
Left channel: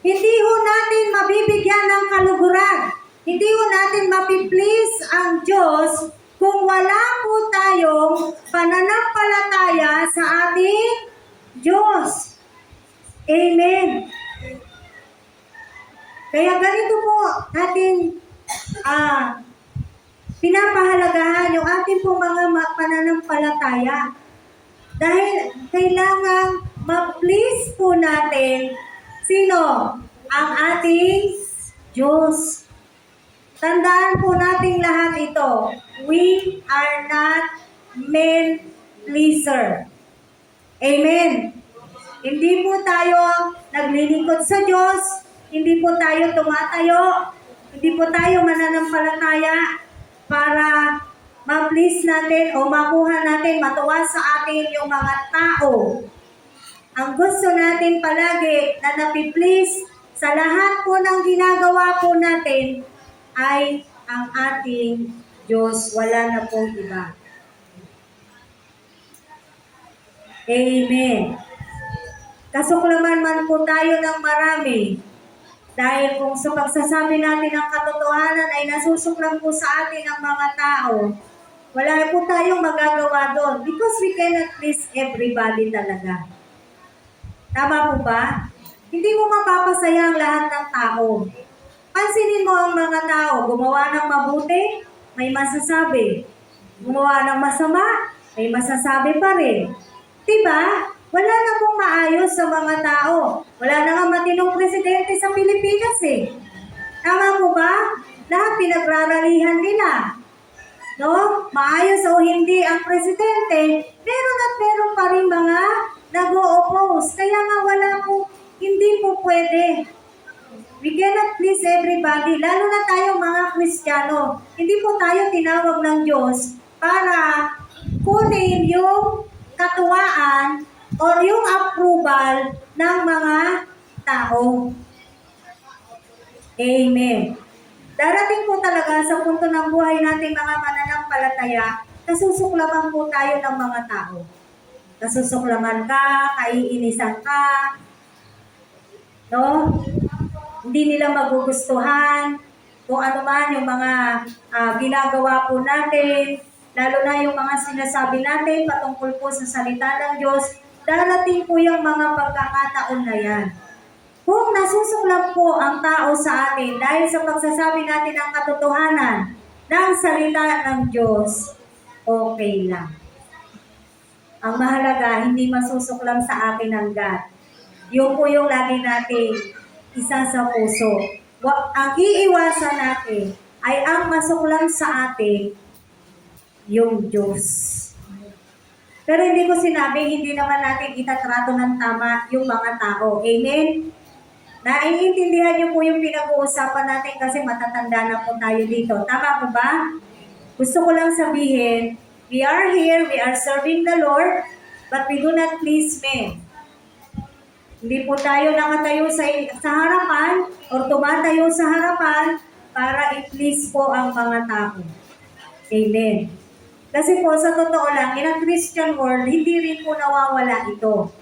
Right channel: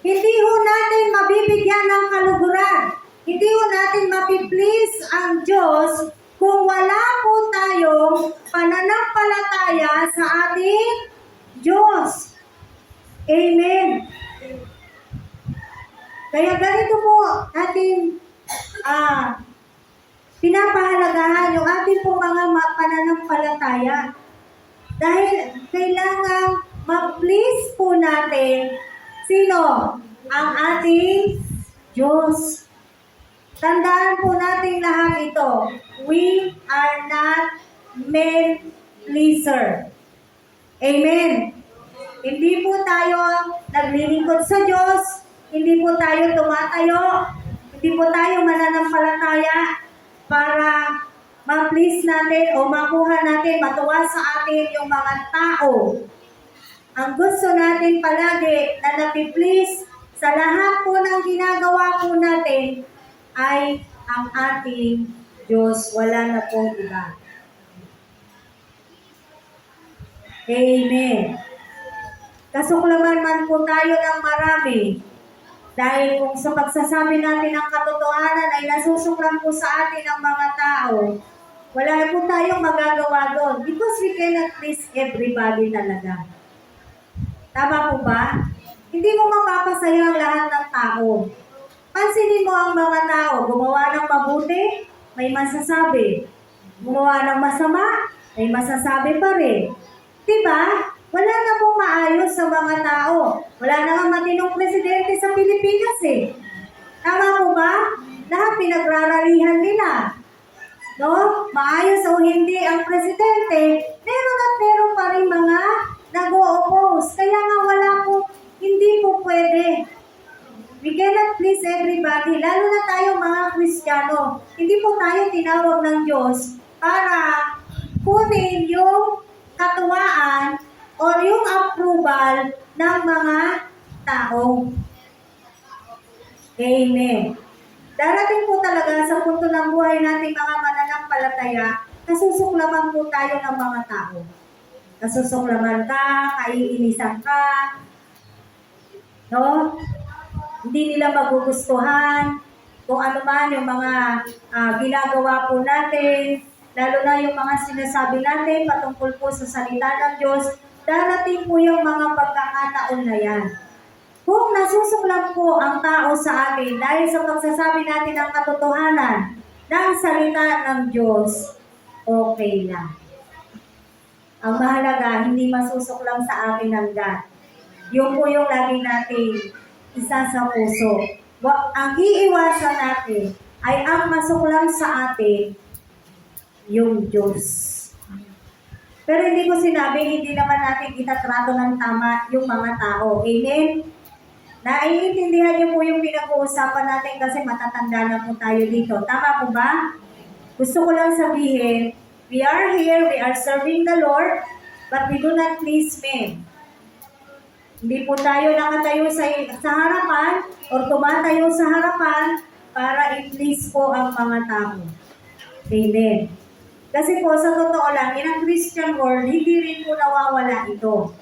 Hindi ho natin mabibigyan ng kaluguran. Hindi ho natin mapiplease ang Diyos kung wala po tayong pananampalataya sa ating Diyos. Amen. Kaya ganito po ating pinapahalagahan yung ating po mga pananampalataya. Dahil kailangan ma-please po natin sino? Ang ating Diyos. Tandaan po natin lahat ito. We are not men pleaser. Amen. Hindi po tayo naglilingkod sa Diyos. Hindi po tayo tumatayo. Hindi po tayo mananampalataya para ma-please natin o makuha natin, matuwa sa atin yung mga tao. Ang gusto natin palagi na napi-please sa lahat po ng ginagawa po natin ay ang ating Diyos. Wala na pong iba. Amen. Kasuklaman man po tayo ng marami. Dahil kung sa pagsasabi natin ng katotohanan ay nasusuklan po sa atin ang mga tao, wala po tayong magagawa doon because we cannot please everybody talaga. Tama po ba? Hindi mo mapapasaya ang lahat ng tao. Pansinin mo ang mga tao, gumawa ng mabuti, may masasabi. Gumawa ng masama, may masasabi pa rin. Diba? Wala na pong maayos sa mga tao. Wala na nga matinong presidente sa Pilipinas eh. Tama po ba? Lahat pinagraralihan nila. No? Maayos o hindi ang presidente, meron at meron pa rin mga nag-o-oppose. Kaya nga wala po, hindi po pwede We cannot please everybody, lalo na tayo mga Kristiyano. Hindi po tayo tinawag ng Diyos para kunin yung katuwaan o yung approval ng mga tao. Amen. Darating po talaga sa punto ng buhay natin mga mananampalataya, nasusuklaman po tayo ng mga tao. Nasusuklaman ka, kaiinisan ka, no? Hindi nila magugustuhan kung ano man yung mga ginagawa po natin, lalo na yung mga sinasabi natin patungkol po sa salita ng Diyos, darating po yung mga pagkakataon na yan. Kung nasusuklam po ang tao sa atin dahil sa pagsasabi natin ng katotohanan ng salita ng Diyos, okay lang. Ang mahalaga, hindi masusuklam sa atin ang God. Yun po yung lagi natin isa sa puso. Ang iiwasan natin ay ang masuklam sa atin yung Diyos. Pero hindi ko sinabing hindi naman natin itatrato ng tama yung mga tao. Amen? Naiintindihan niyo po yung pinag-uusapan natin kasi matatanda na po tayo dito. Tama po ba? Gusto ko lang sabihin, we are here, we are serving the Lord, but we do not please men. Hindi po tayo nakatayo sa harapan o tumatayo sa harapan para i-please po ang mga tao. Amen. Kasi po sa totoo lang, in a Christian world, hindi rin po nawawala ito.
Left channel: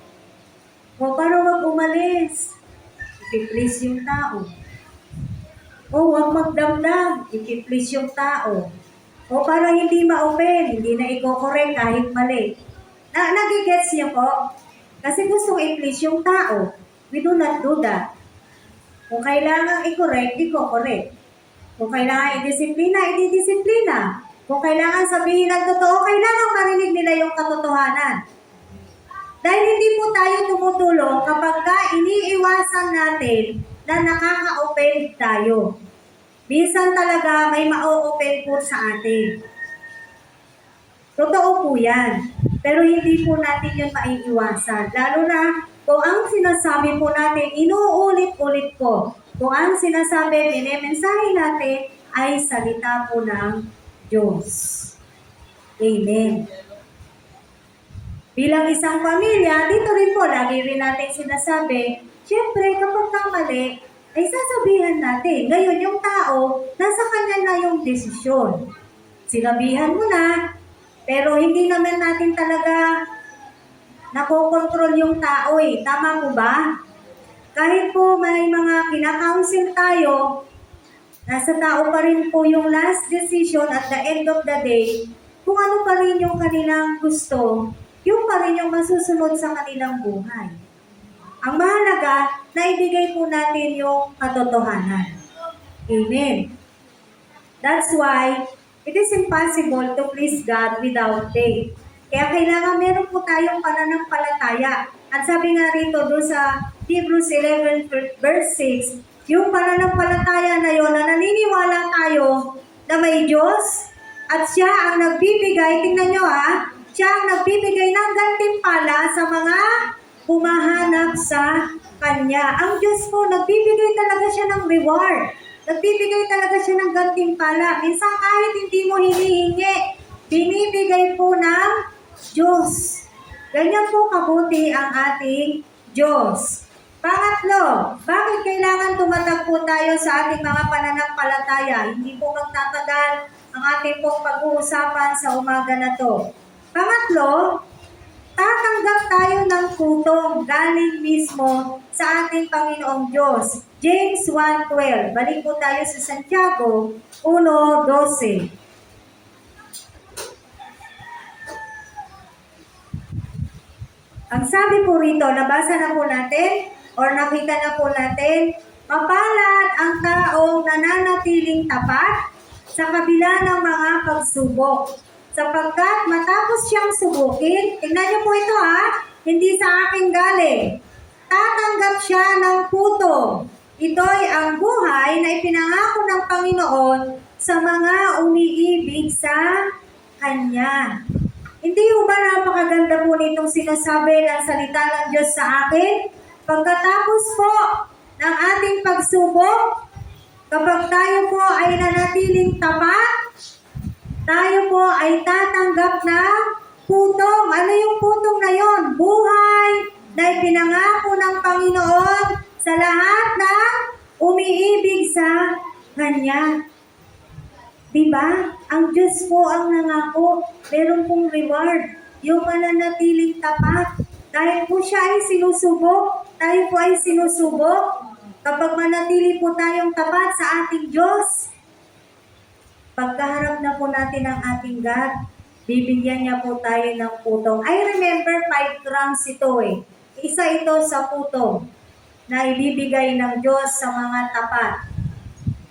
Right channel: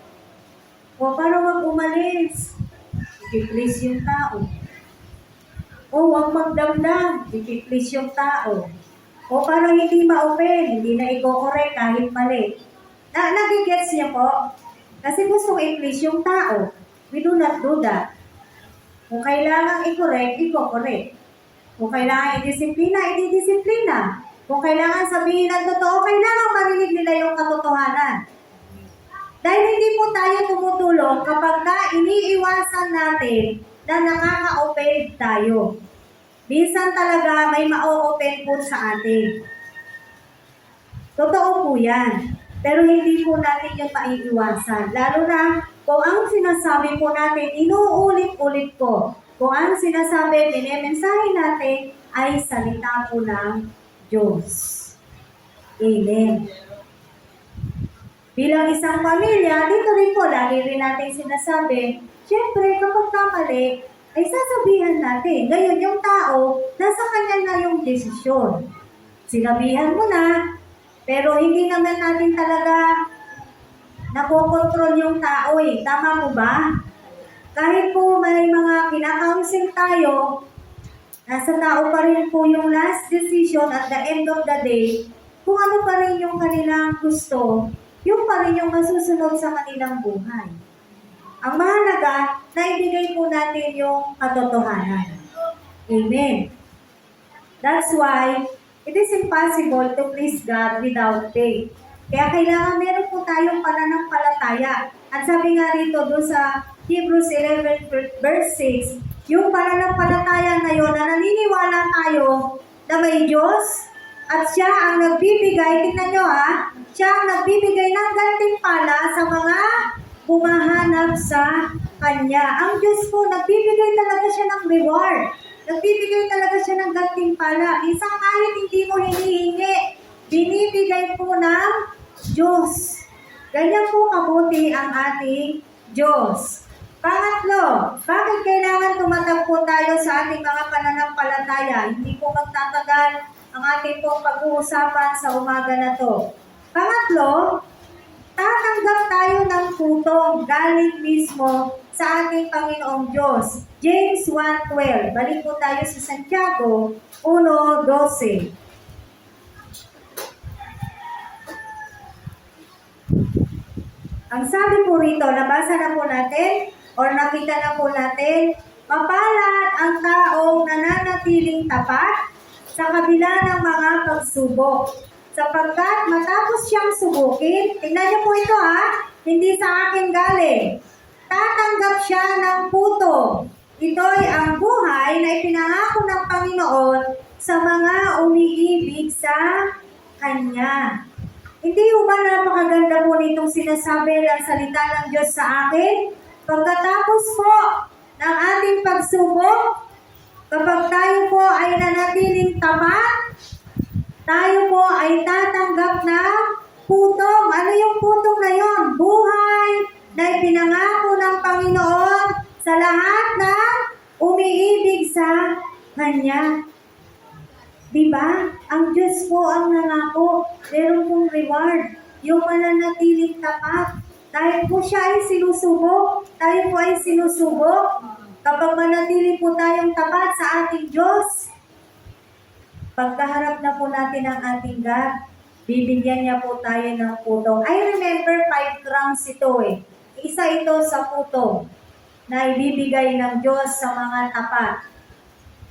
O paano wag umalis? I-please yung tao. O wag magdamdam, i-please yung tao. O para hindi ma-open, hindi na i-correct kahit mali. Nagigets niya po? Kasi gusto i-please yung tao. We do not do that. Kung kailangan i-correct, i-correct. Kung kailangan i-disiplina, i-disiplina. Kung kailangan sabihin ng totoo, kailangan marinig nila yung katotohanan. Dahil hindi po tayo tumutulong kapag iniiwasan natin na nakaka-offend tayo. Minsan talaga may ma-offend po sa atin. Totoo po yan. Pero hindi po natin yun maiiwasan. Lalo na kung ang sinasabi po natin, inuulit-ulit ko. Kung ang sinasabi, minemensahe natin ay salita po ng Diyos. Amen. Bilang isang pamilya, dito rin po, lagi rin natin sinasabi, syempre kapag kamali, ay sasabihan natin. Ngayon yung tao, nasa kanya na yung desisyon. Sinabihan mo na, pero hindi naman natin talaga nakokontrol yung tao eh. Tama po ba? Kahit po may mga kinakounsel tayo, nasa tao pa rin po yung last decision at the end of the day, kung ano pa rin yung kanilang gusto, yung pa rin yung masusunod sa kanilang buhay. Ang mahalaga, naibigay po natin yung katotohanan. Amen. That's why, it is impossible to please God without faith. Kaya kailangan meron po tayong pananampalataya. At sabi nga rito doon sa Hebrews 11 verse 6, yung pananampalataya na yun, na naniniwala tayo na may Diyos at siya ang nagbibigay, tingnan nyo siya ang nagbibigay ng gantimpala sa mga humahanap sa Kanya. Ang Diyos po, nagbibigay talaga siya ng reward. Nagbibigay talaga siya ng gantimpala. Minsan kahit hindi mo hinihingi, binibigay po ng Diyos. Ganyan po kabuti ang ating Diyos. Pangatlo, bakit kailangan tumatagpo tayo sa ating mga pananampalataya? Hindi po magtatagal ang ating pong pag-uusapan sa umaga na to. Pangatlo, tatanggap tayo ng tutong galing mismo sa ating Panginoong Diyos. James 1:12. Balik po tayo sa Santiago 1:12. Ang sabi po rito, nabasa na po natin or nakita na po natin, mapalad ang taong nananatiling tapat sa kabila ng mga pagsubok. Sapagkat matapos siyang subukin, tingnan niyo po ito hindi sa akin galing. Tatanggap siya ng puto. Ito'y ang buhay na ipinangako ng Panginoon sa mga umiibig sa Kanya. Hindi ho ba napakaganda po nitong sinasabi ng salita ng Diyos sa akin? Pagkatapos po ng ating pagsubok, kapag tayo po ay nanatiling tapat, tayo po ay tatanggap ng putong. Ano yung putong na yon? Buhay na ipinangako ng Panginoon sa lahat ng umiibig sa Kanya. Diba? Ang Diyos po ang nangako. Meron pong reward. Yung mananatiling tapat. Dahil po siya ay sinusubok. Tayo po ay sinusubok. Kapag manatili po tayong tapat sa ating Diyos, pagkaharap na po natin ang ating God, bibigyan niya po tayo ng putong. I remember 5 crowns ito eh. Isa ito sa putong na ibibigay ng Diyos sa mga tapat.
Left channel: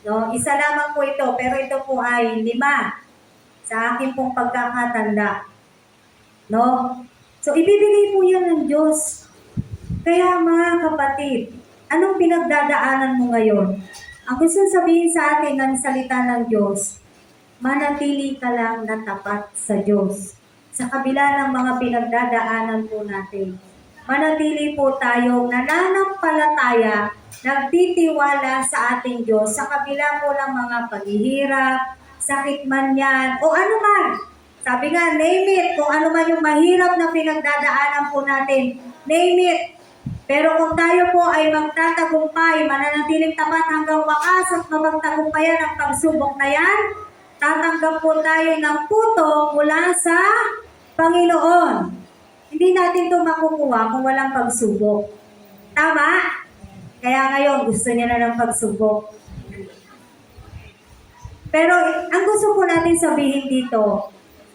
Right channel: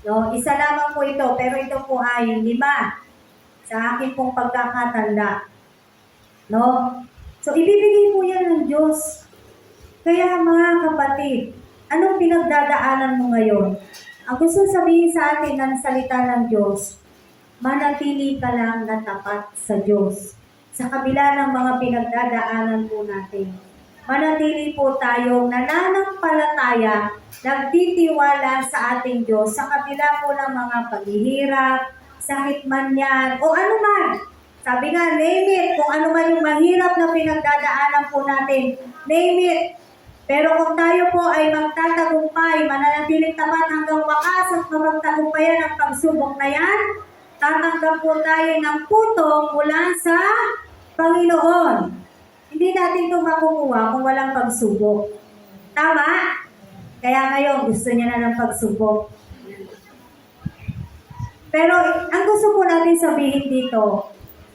No, isa lamang po ito, pero ito po ay 5 sa akin pong pagkakatanda. No? So, ibibigay po yan ng Diyos. Kaya mga kapatid, anong pinagdadaanan mo ngayon? Ang gusto sabihin sa atin ng salita ng Diyos, manatili ka lang na tapat sa Diyos. Sa kabila ng mga pinagdadaanan po natin, manatili po tayong nananampalataya, nagtitiwala sa ating Diyos sa kabila po ng mga paghihirap, sakit man yan, o ano man. Sabi nga, name it, kung ano man yung mahirap na pinagdadaanan po natin, name it. Pero kung tayo po ay magtatagumpay, mananatiling tapat hanggang wakas at mapagtagumpayan ang pagsubok na yan, tatanggap po tayo ng putong mula sa Panginoon. Hindi natin ito makukuha kung walang pagsubok. Tama? Kaya ngayon, gusto niya na ng pagsubok. Pero ang gusto po natin sabihin dito,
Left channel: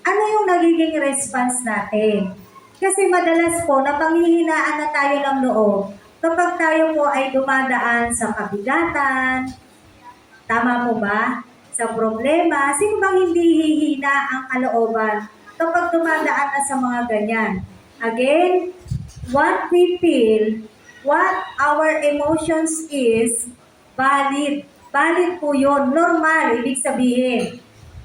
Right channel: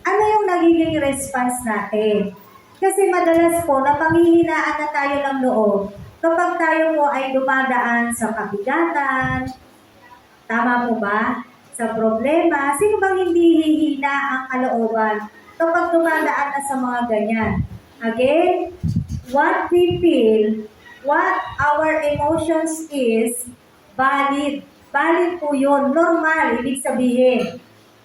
ano yung nagiging response natin? Kasi madalas po, napanghihinaan na tayo ng loob kapag tayo po ay dumadaan sa kabigatan. Tama po ba? Sa problema, sino bang hindi hihina ang kalooban kapag dumadaan na sa mga ganyan? Again, what we feel, what our emotions is, valid. Valid po yun. Normal, ibig sabihin.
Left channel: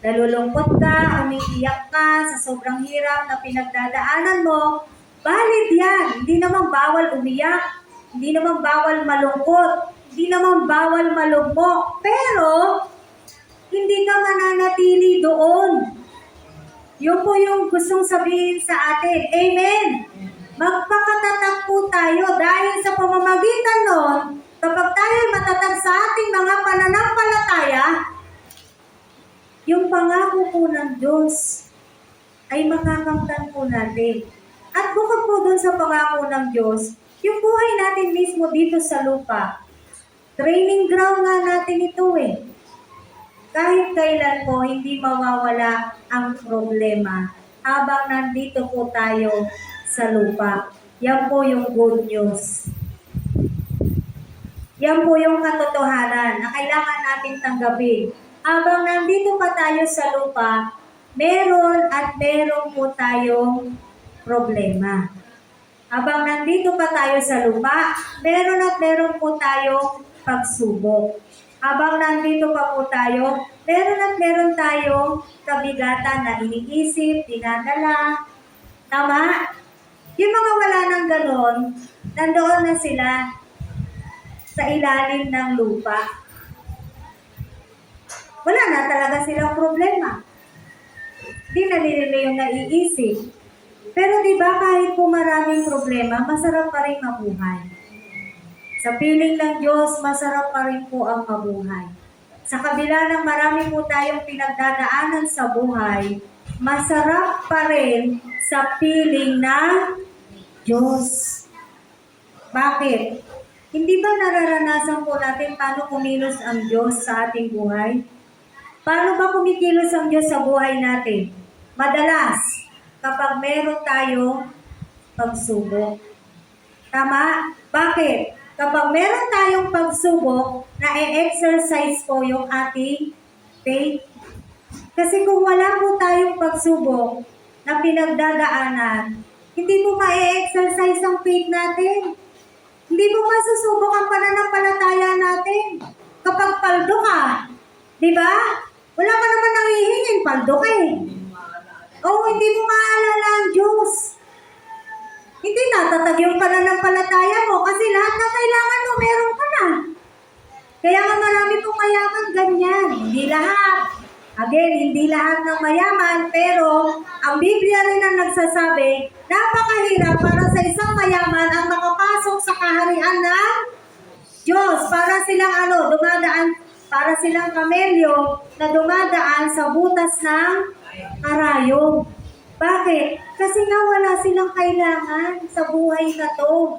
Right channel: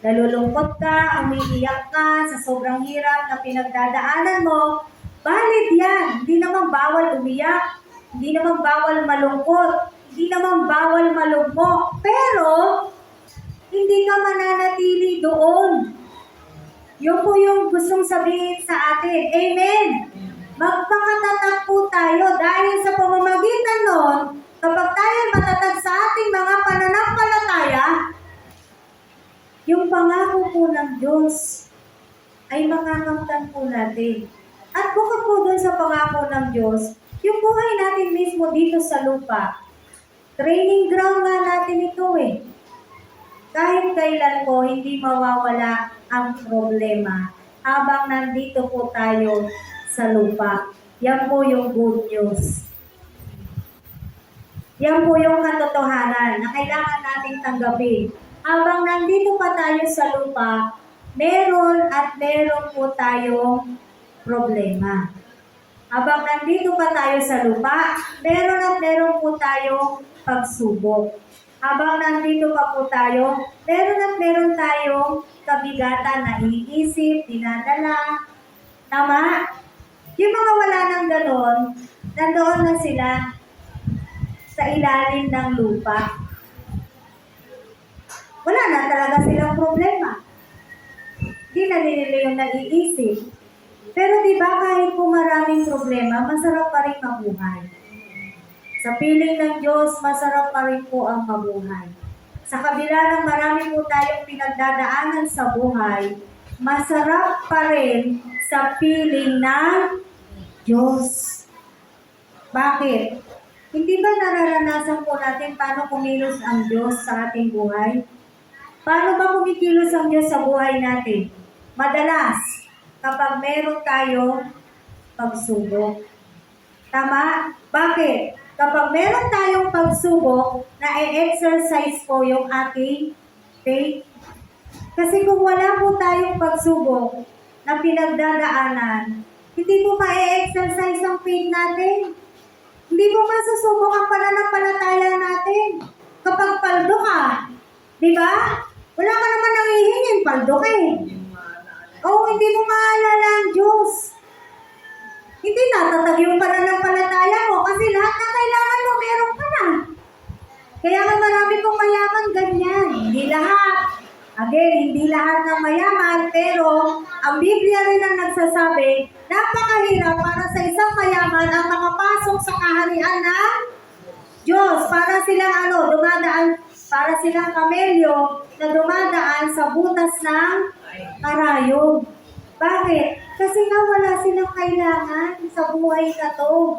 Nalulungkot ka, umiiyak ka sa sobrang hirap na pinagdadaanan mo, valid yan. Hindi naman bawal umiyak, hindi naman bawal malungkot, hindi naman bawal malugmok. Pero, hindi ka mananatili doon. Yun po yung gustong sabihin sa atin. Amen? Magpakatatag po tayo dahil sa pamamagitan nun, kapag tayo matatag sa ating mga pananampalataya, yung pangako po ng Diyos ay makakamtan po natin. At bukod po dun sa pangako ng Diyos, yung buhay natin mismo dito sa lupa, training ground nga natin ito eh. Kahit kailan po, hindi mawawala ang problema habang nandito po tayo sa lupa. Yan po yung good news. Yan po yung katotohanan na kailangan natin tanggapin. Habang nandito pa tayo sa lupa, meron at meron po tayong problema. Habang nandito pa tayo sa lupa, meron at meron po tayong pagsubok. Habang nandito pa po tayo, meron at meron tayong kabigatan na iniisip, dinadala. Tama? Yung mga wala ng ganon, nandoon na sila sa ilalim ng lupa. Wala na talaga silang problema. Di na nila yung naiisip. Pero di ba kahit po maraming problema, masarap pa rin mabuhay. Sa piling ng Diyos, masarap pa rin po ang mabuhay. Sa kabila ng marami po tayong pinagdadaanan sa buhay, masarap pa rin sa piling ng Diyos. Bakit? Hindi ba nararanasan po natin paano kumilos ang Diyos sa ating buhay? Paano ba kumikilos ang Diyos sa buhay natin? Madalas, kapag meron tayong pagsubok. Tama? Bakit? Kapag meron tayong pagsubok, na-exercise po yung ating faith. Kasi kung wala po tayong pagsubok na pinagdadaanan, hindi po ma-exercise ang faith natin. Hindi po masusubok ang pananampalataya natin. Kapag paldo ka, di ba? Wala ka naman nangihingin, paldo ka eh. Hindi mo maalala ang Diyos. Hindi natatag yung pananampalataya mo kasi lahat na kailangan mo, meron ka na. Again, hindi lahat ng mayaman, pero ang Biblia rin ang nagsasabi, napakahirap para sa isang mayaman ang makapasok sa kaharian ng Diyos. Para silang dumadaan, para silang kamelyo na dumadaan sa butas ng karayom. Bakit? Kasi nga wala silang kailangan sa buhay na to.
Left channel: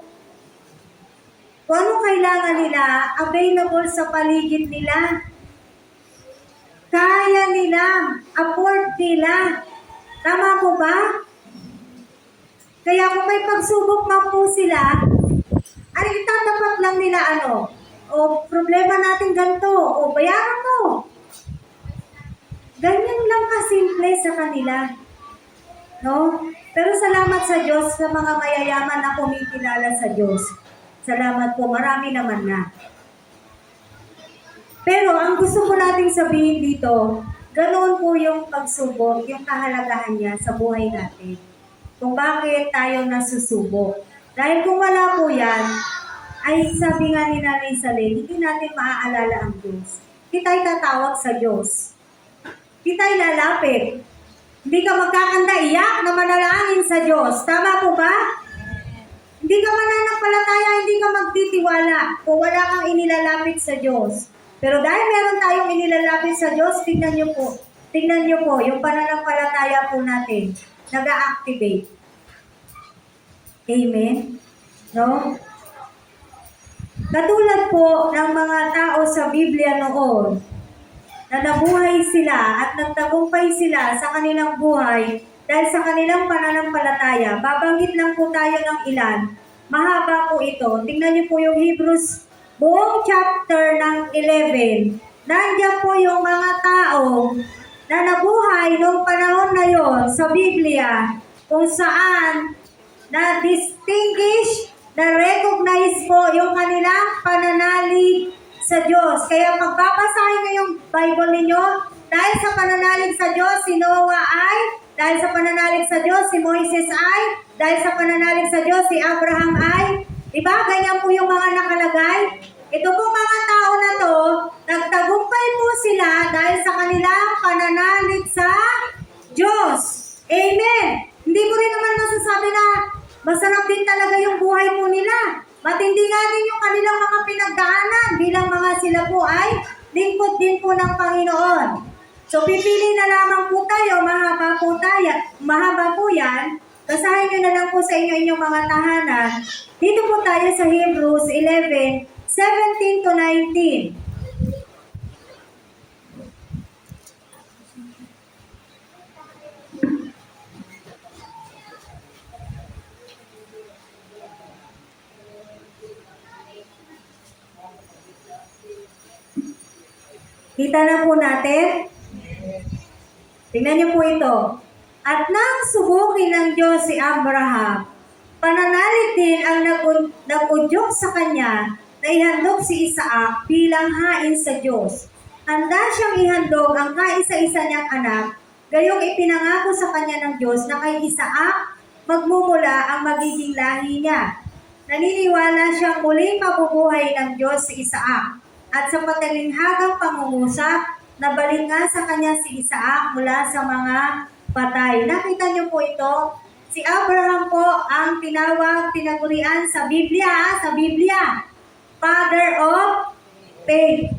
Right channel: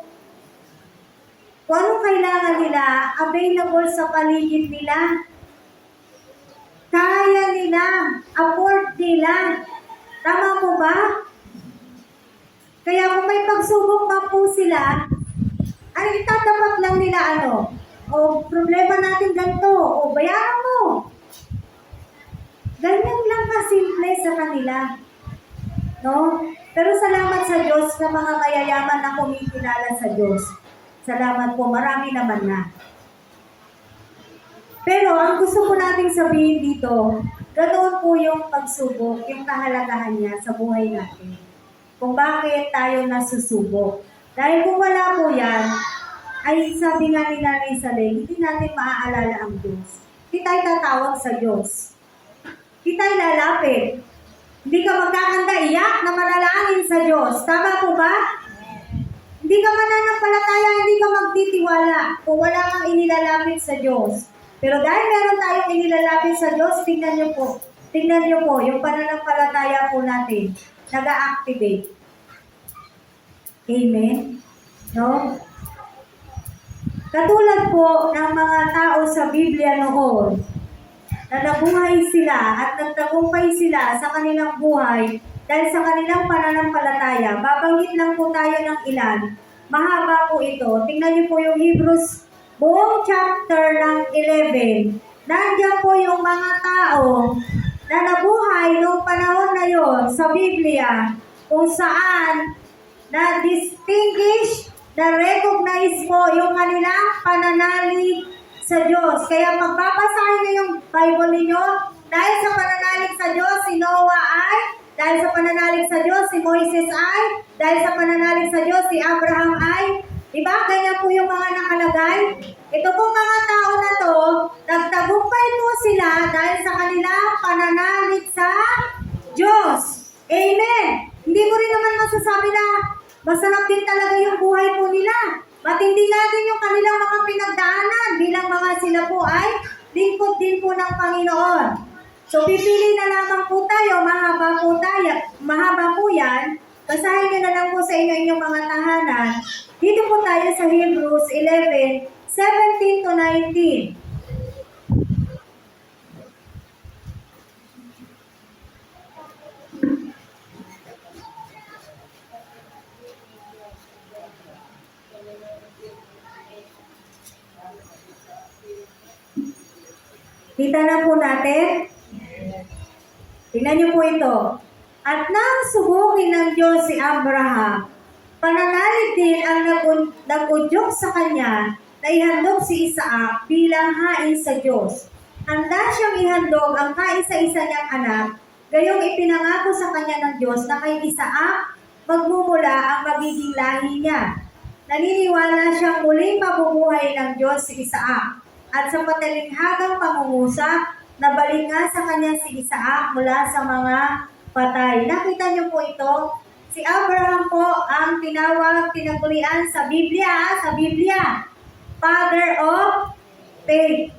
Kung anong kailangan nila, available sa paligid nila. Kaya nila, afford nila. Tama po ba? Kaya kung may pagsubok man po sila, ay itatapat lang nila o problema natin ganito, o bayaran mo. Ganyan lang kasimple sa kanila. No? Pero salamat sa Diyos sa mga mayayaman na kumikilala sa Diyos. Salamat po, marami naman na. Pero ang gusto ko nating sabihin dito, ganoon po yung pagsubok, yung kahalagahan niya sa buhay natin. Kung bakit tayo nasusubok. Dahil kung wala po yan, ay sabi nga ni Nanay Saleh, hindi natin maaalala ang Diyos. Hindi tayo tatawag sa Diyos. Hindi tayo lalapit. Hindi ka magkakanda iyak na manalangin sa Diyos. Tama po ba? Hindi ka mananampalataya, hindi ka magtitiwala kung wala kang inilalapit sa Diyos. Pero dahil meron tayong inilalapit sa Diyos, tingnan niyo po. Tingnan niyo po, yung pananampalataya po natin, nag-a-activate. Amen? No? Katulad po ng mga tao sa Biblia noon, na nabuhay sila at nagtagumpay sila sa kanilang buhay dahil sa kanilang pananampalataya. Babanggit lang po tayo ng ilan. Mahaba po ito. Tingnan niyo po yung Hebrews buong chapter ng 11, nandiyan po yung mga tao na nabuhay noong panahon na yon sa Biblia kung saan na-distinguish, na-recognize po yung kanilang pananalig sa Diyos. Kaya magpapasahin niyo yung Bible ninyo, dahil sa pananalig sa Diyos, si Noah ay, dahil sa pananalig sa Diyos, si Moises ay, dahil sa pananalig sa Diyos, si Abraham ay. Diba? Ganyan po yung mga nakalagay. Ito po mga tao na to, nagtagumpay po sila dahil sa kanilang pananalig sa Diyos. Amen! Hindi ko rin naman masasabi na masarap din talaga yung buhay po nila. Matindi nga din yung kanilang mga pinagdaanan bilang mga sila po ay lingkod din po ng Panginoon. So pipili na lamang po tayo, mahaba po yan. Basahin nyo na lang po sa inyong mga tahanan. Dito po tayo sa Hebrews 11, 17 to 19. Kita na po natin. Tingnan niyo po ito. At nang subukin ng Diyos si Abraham, pananalig din ang nag-udyok sa kanya na ihandog si Isaac bilang hain sa Diyos. Handa siyang ihandog ang kaisa-isa niyang anak, gayong ipinangako sa kanya ng Diyos na kay Isaac magmumula ang magiging lahi niya. Naniniwala siyang muling mabubuhay ng Diyos si Isaac. At sa matalinghagang pangungusap, nabalik nga sa kanya si Isaac mula sa mga patay. Nakita niyo po ito? Si Abraham po ang tinagurian sa Biblia, Father of Faith.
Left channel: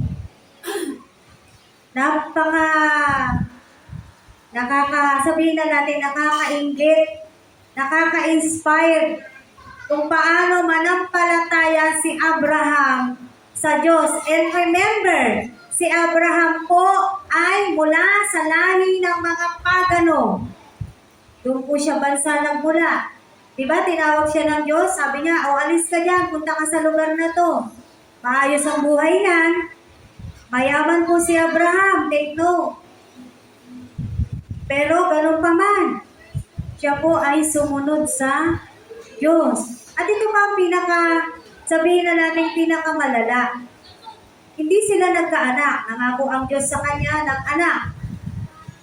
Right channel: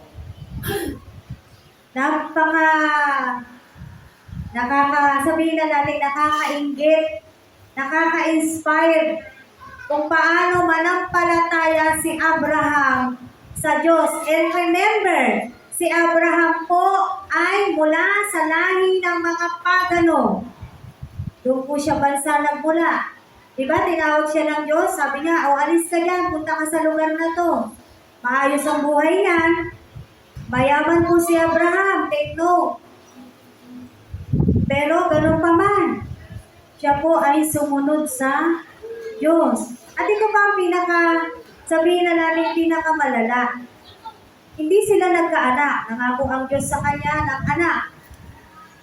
Sabihin na natin, nakakainggit, nakaka-inspire kung paano manampalataya si Abraham sa Diyos. And remember, si Abraham po ay mula sa lahi ng mga pagano. Doon po siya bansa nagmula. Diba, tinawag siya ng Diyos, sabi niya, alis ka dyan, punta ka sa lugar na to. Maayos ang buhay yan. Mayaman po si Abraham, take note. Pero ganun pa man, siya po ay sumunod sa Diyos. At ito pa ang sabihin na natin pinakamalala. Hindi sila nagkaanak. Nangako ang Diyos sa kanya ng anak.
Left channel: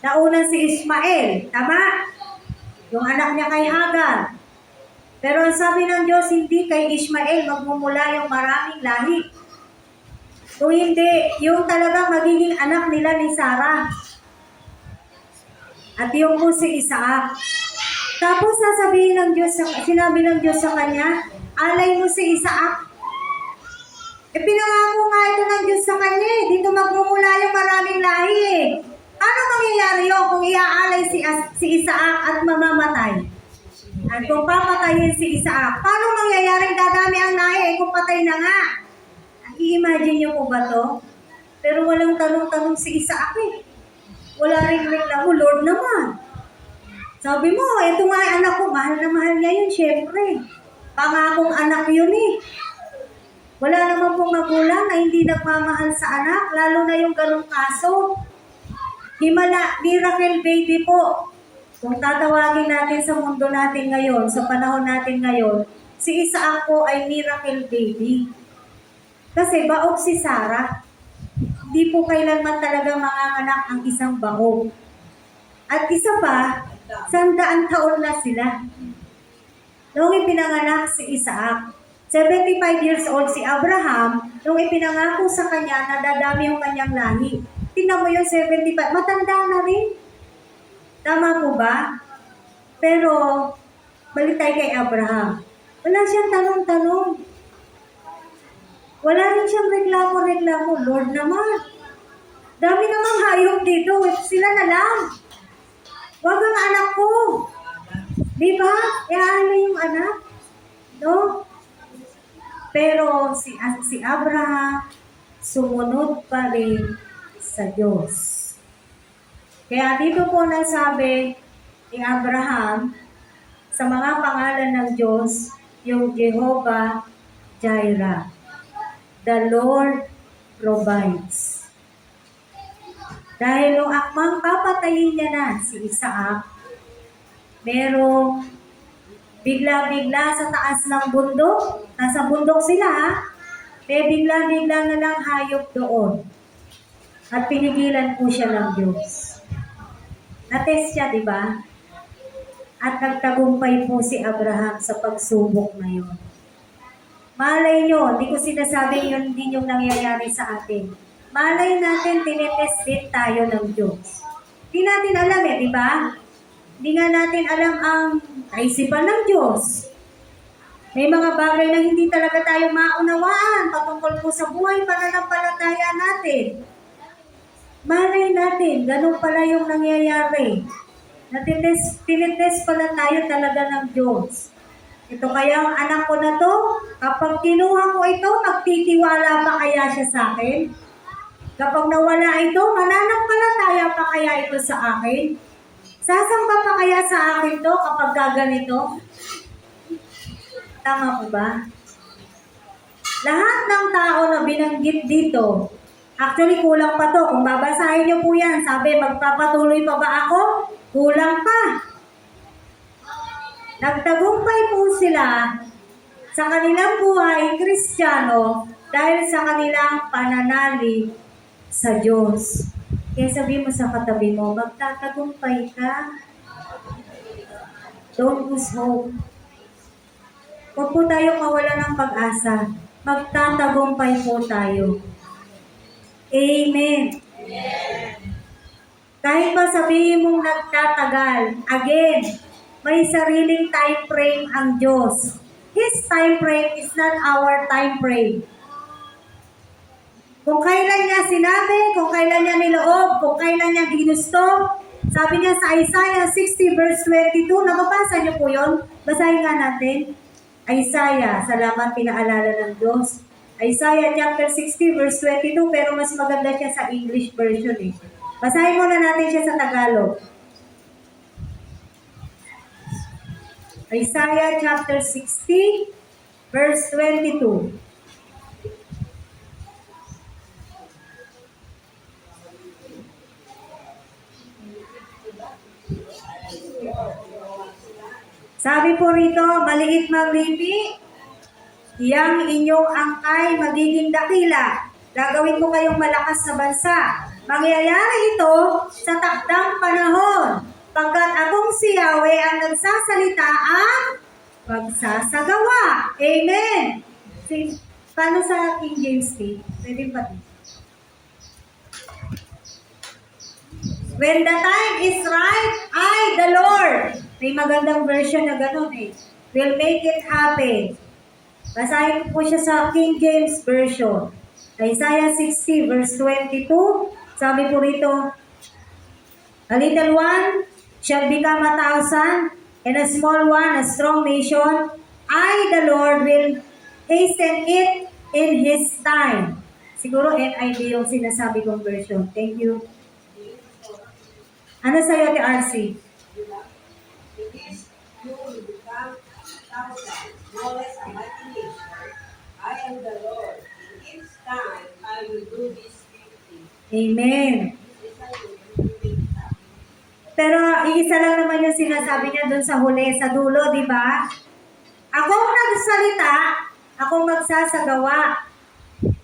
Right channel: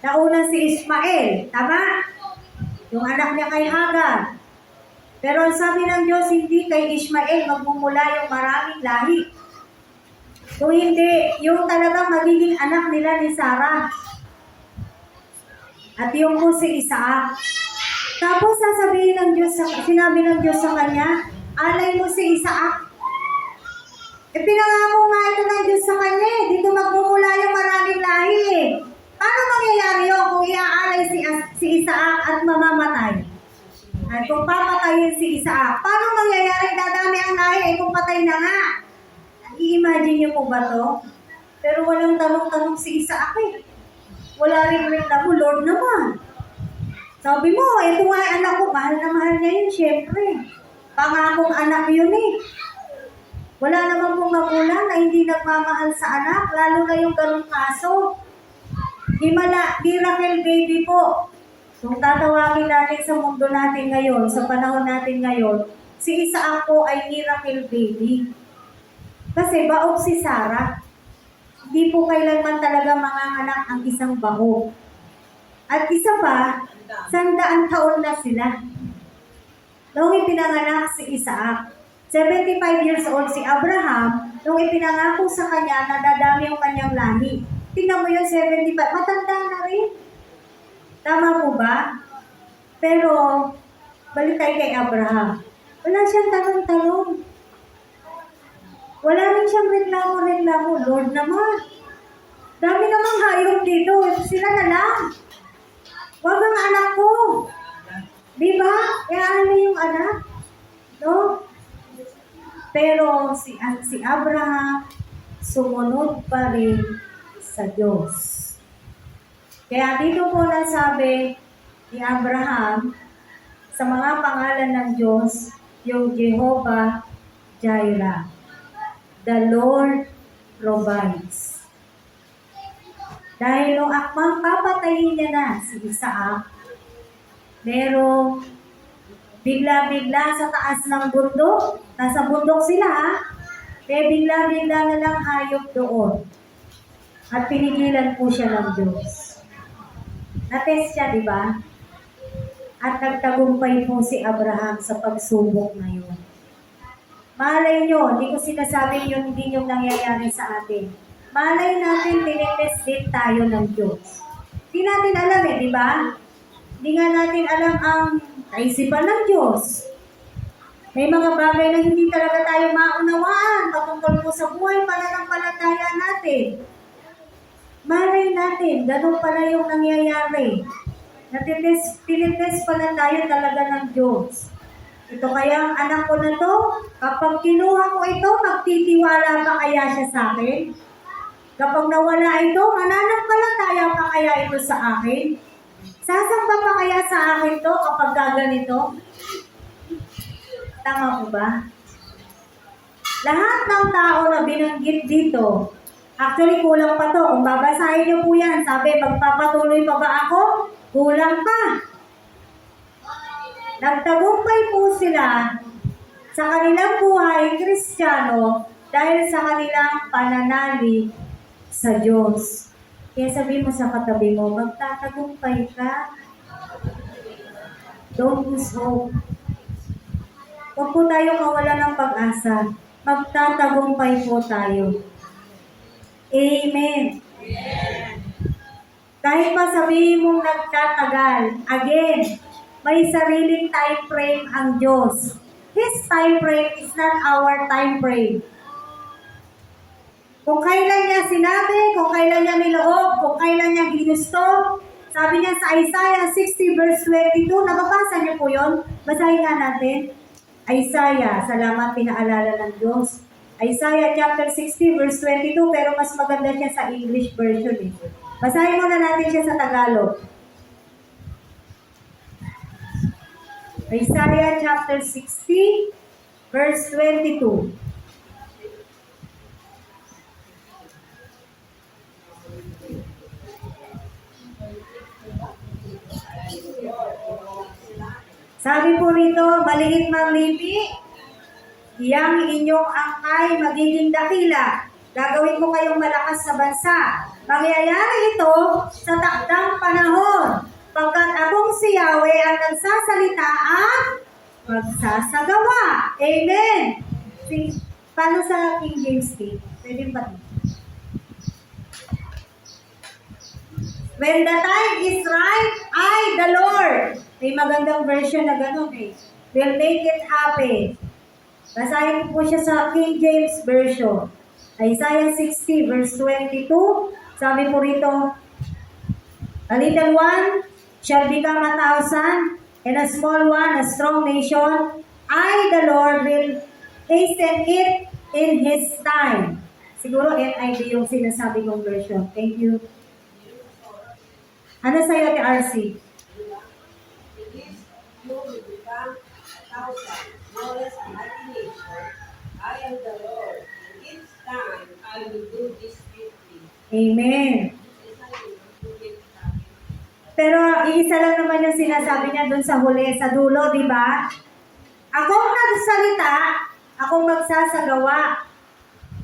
Nauna si Ismael, tama? Yung anak niya kay Hagar. Pero ang sabi ng Diyos, hindi kay Ismael magmumula yung maraming lahi. Kung hindi, yung talagang magiging anak nila ni Sarah. At yung po si Isaac. Tapos sinabi ng Diyos sa kanya, alay mo si Isaac. Pinangako nga ito ng Diyos sa kanya eh. Dito magmumula yung maraming lahi eh. Paano mangyayari yun kung iaalay si Isaac at mamamatay? At kung papatayin si Isaac, paano mangyayari dadami ang lahi eh kung patay na nga? I-imagine niyo po ba to? Pero walang tanong-tanong si Isaac eh. Wala rin reklamo, Lord naman. Sabi mo, ito nga yung anak ko, mahal na mahal niya yun, syempre. Pangakong anak yun eh. Wala naman pong magulang na hindi nagmamahal sa anak, lalo na yung ganung kaso. Miracle baby po. Kung tatawagin natin sa mundo natin ngayon, sa panahon natin ngayon, si Isaac po ay miracle baby. Kasi baog si Sarah. Hindi po kailanman talaga manganganak ang isang baog. At isa pa, 100 taon na sila. Noong ipinanganak si Isaac, 75 years old si Abraham, nung ipinangako sa kanya na dadami yung kanyang lahi. Tingnan mo yung 75, matanda na rin. Tama po ba? Pero, balik tayo kay Abraham. Wala siyang tanong-tanong. Wala rin siyang reklamo. Lord naman. Dami namang hayop dito. Sila na lang. Wag ang anak ko. Di ba? Iaano yung anak? No? Pero si Abraham sumunod pa rin sa Diyos. Kaya dito po nasabi ni Abraham sa mga pangalan ng Diyos, yung Jehovah Jireh. The Lord provides. Dahil nung akmang papatayin niya na si Isaac, merong bigla-bigla sa taas ng bundok, nasa bundok sila ha, bigla-bigla na lang hayop doon. At pinigilan po siya ng Diyos. Na-test siya, di ba? At nagtagumpay po si Abraham sa pagsubok na yun. Malay nyo, hindi ko sinasabi yun din yung nangyayari sa atin. Malay natin, tinetest din tayo ng Diyos. Hindi natin alam di ba? Hindi nga natin alam ang kaisipan ng Diyos. May mga bagay na hindi talaga tayo maunawaan patungkol po sa buhay pananampalataya natin. Malay natin, ganun pala yung nangyayari. Tinetest pala tayo talaga ng Diyos. Ito kaya ang anak ko na to, kapag kinuha ko ito, magtitiwala pa kaya siya sa akin? Kapag nawala ito, mananampalataya pa kaya ito sa akin? Sasamba pa kaya sa akin to kapag gaganito? Tama po ba? Lahat ng tao na binanggit dito, actually kulang pa to. Kung babasahin niyo po yan, sabi, magpapatuloy pa ba ako? Kulang pa. Nagtagumpay po sila sa kanilang buhay Kristiyano dahil sa kanilang pananalig sa Diyos. Kaya sabi mo sa katabi mo, magtatagumpay ka. Don't lose hope. Huwag po tayo kawalan ng pag-asa. Magtatagumpay po tayo. Amen. Kahit pa sabihin mong nagtatagal, again, may sariling time frame ang Diyos. His time frame is not our time frame. Kung kailan niya sinabi, kung kailan niya niloob, kung kailan niya ginusto, sabi niya sa Isaiah 60 verse 22, nababasa niyo po yun? Basahin nga natin. Isaiah, salamat pinaalala ng Diyos. Isaiah chapter 60 verse 22, pero mas maganda siya sa English version eh. Basahin muna natin siya sa Tagalog. Isaiah chapter 60 verse 22. Sabi po rito, maliit mang lipi, iyang inyong angkay magiging dakila. Gagawin ko kayong malakas sa bansa. Mangyayari ito sa takdang panahon. Pagkat akong si Yahweh ang nagsasalita at magsasagawa. Amen. Paano sa King James P? Pwede pa. When the time is right, I, the Lord. May magandang version na ganun eh. Will make it happen. Basahin po siya sa King James Version. Isaiah 60 verse 22. Sabi po rito, a little one shall become 1,000, and a small one a strong nation. I, the Lord, will hasten it in His time. Siguro NIV yung sinasabi kong version. Thank you. Ano sa'yo, Ate RC? It is you will become 1,000, no less a mighty nation. I am the Lord. In its time, I will do this quickly. Amen. This I will do it happen. Pero iisa lang naman yung sinasabi niya dun sa huli, sa dulo, di ba? Akong nagsalita, akong magsasagawa.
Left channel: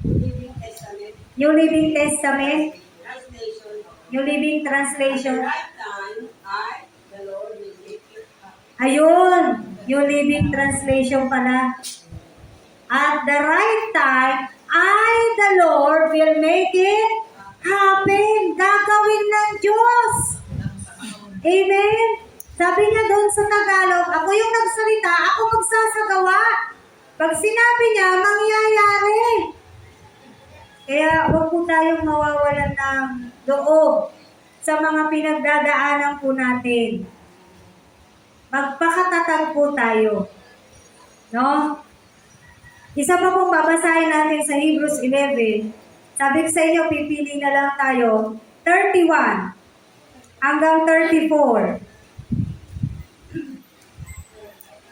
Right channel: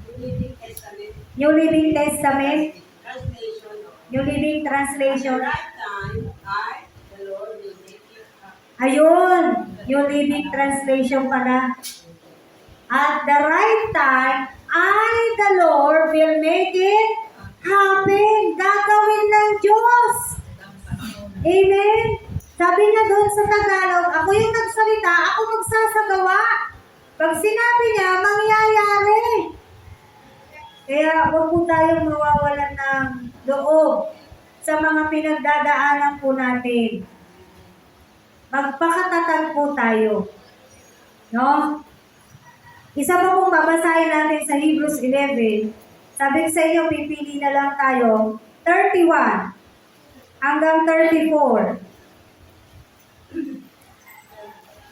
Living Testament, New Living Testament, translation. New Living At Translation. the right time, I, the Lord, will make it happen. Ayun, New Living Translation pala. At the right time, I, the Lord, will make it happen. Gagawin ng Diyos. Amen? Sabi niya doon sa Tagalog, ako yung nagsalita, ako magsasagawa. Pag sinabi niya, mangyayari. Kaya huwag po tayong mawawalan ng loob sa mga pinagdadaanan po natin. Magpakatatag po tayo. No? Isa pa pong babasahin natin sa Hebrews 11. Sabi ko sa inyo, pipili na lang tayo, 31 hanggang 34.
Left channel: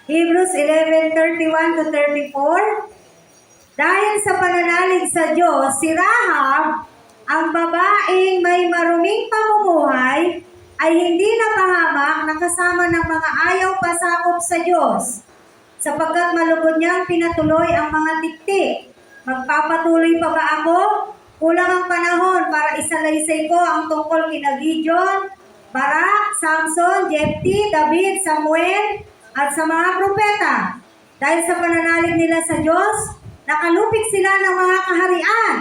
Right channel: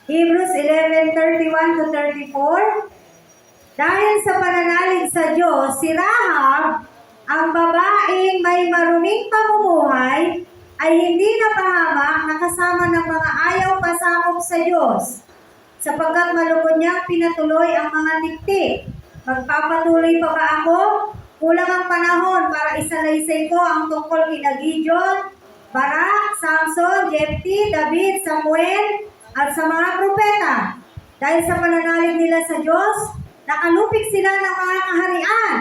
Hebrews 11:31 to 34. Dahil sa pananalig sa Diyos, si Rahab, ang babaeng may maruming pamumuhay, ay hindi napahamak na kasama ng mga ayaw pasakop sa Diyos, sapagkat malugod niyang pinatuloy ang mga tiktik. Magpapatuloy pa ba ako? Kulang ang panahon para isalaysay ko ang tungkol kina Gideon, Barak, Samson, Jepti, David, Samuel, at sa mga propeta. Dahil sa pananalig nila sa Diyos, nakalupik sila ng mga kaharian,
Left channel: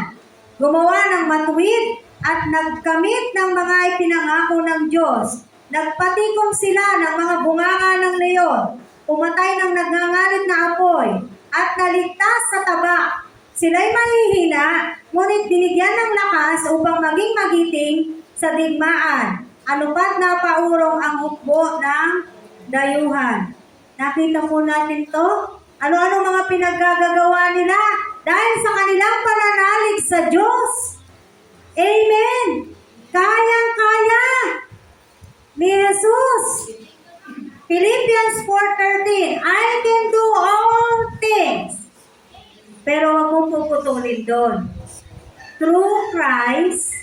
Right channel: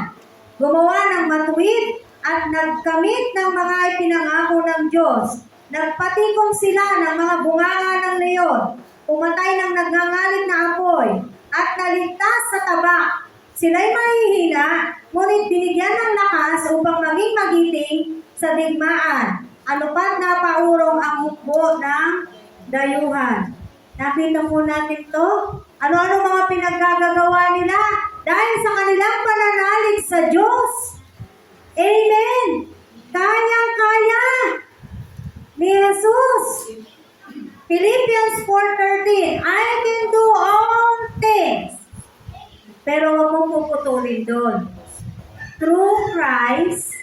gumawa ng matuwid, at nagkamit ng mga ipinangako ng Diyos. Nagpatikom sila ng mga bunganga ng leon, pumatay ng nagngangalit na apoy, at naligtas sa taba. Sila'y mahihina, ngunit binigyan ng lakas upang maging magiting sa digmaan. Ano pa't napaurong ang hukbo ng dayuhan. Nakita po natin to. Ano-ano mga pinaggagawa nila dahil sa kanilang pananalig sa Diyos. Amen! Kayang-kaya ni Jesus. Philippians 4:13, I can do all things. Pero huwag mong puputulin doon. Through Christ,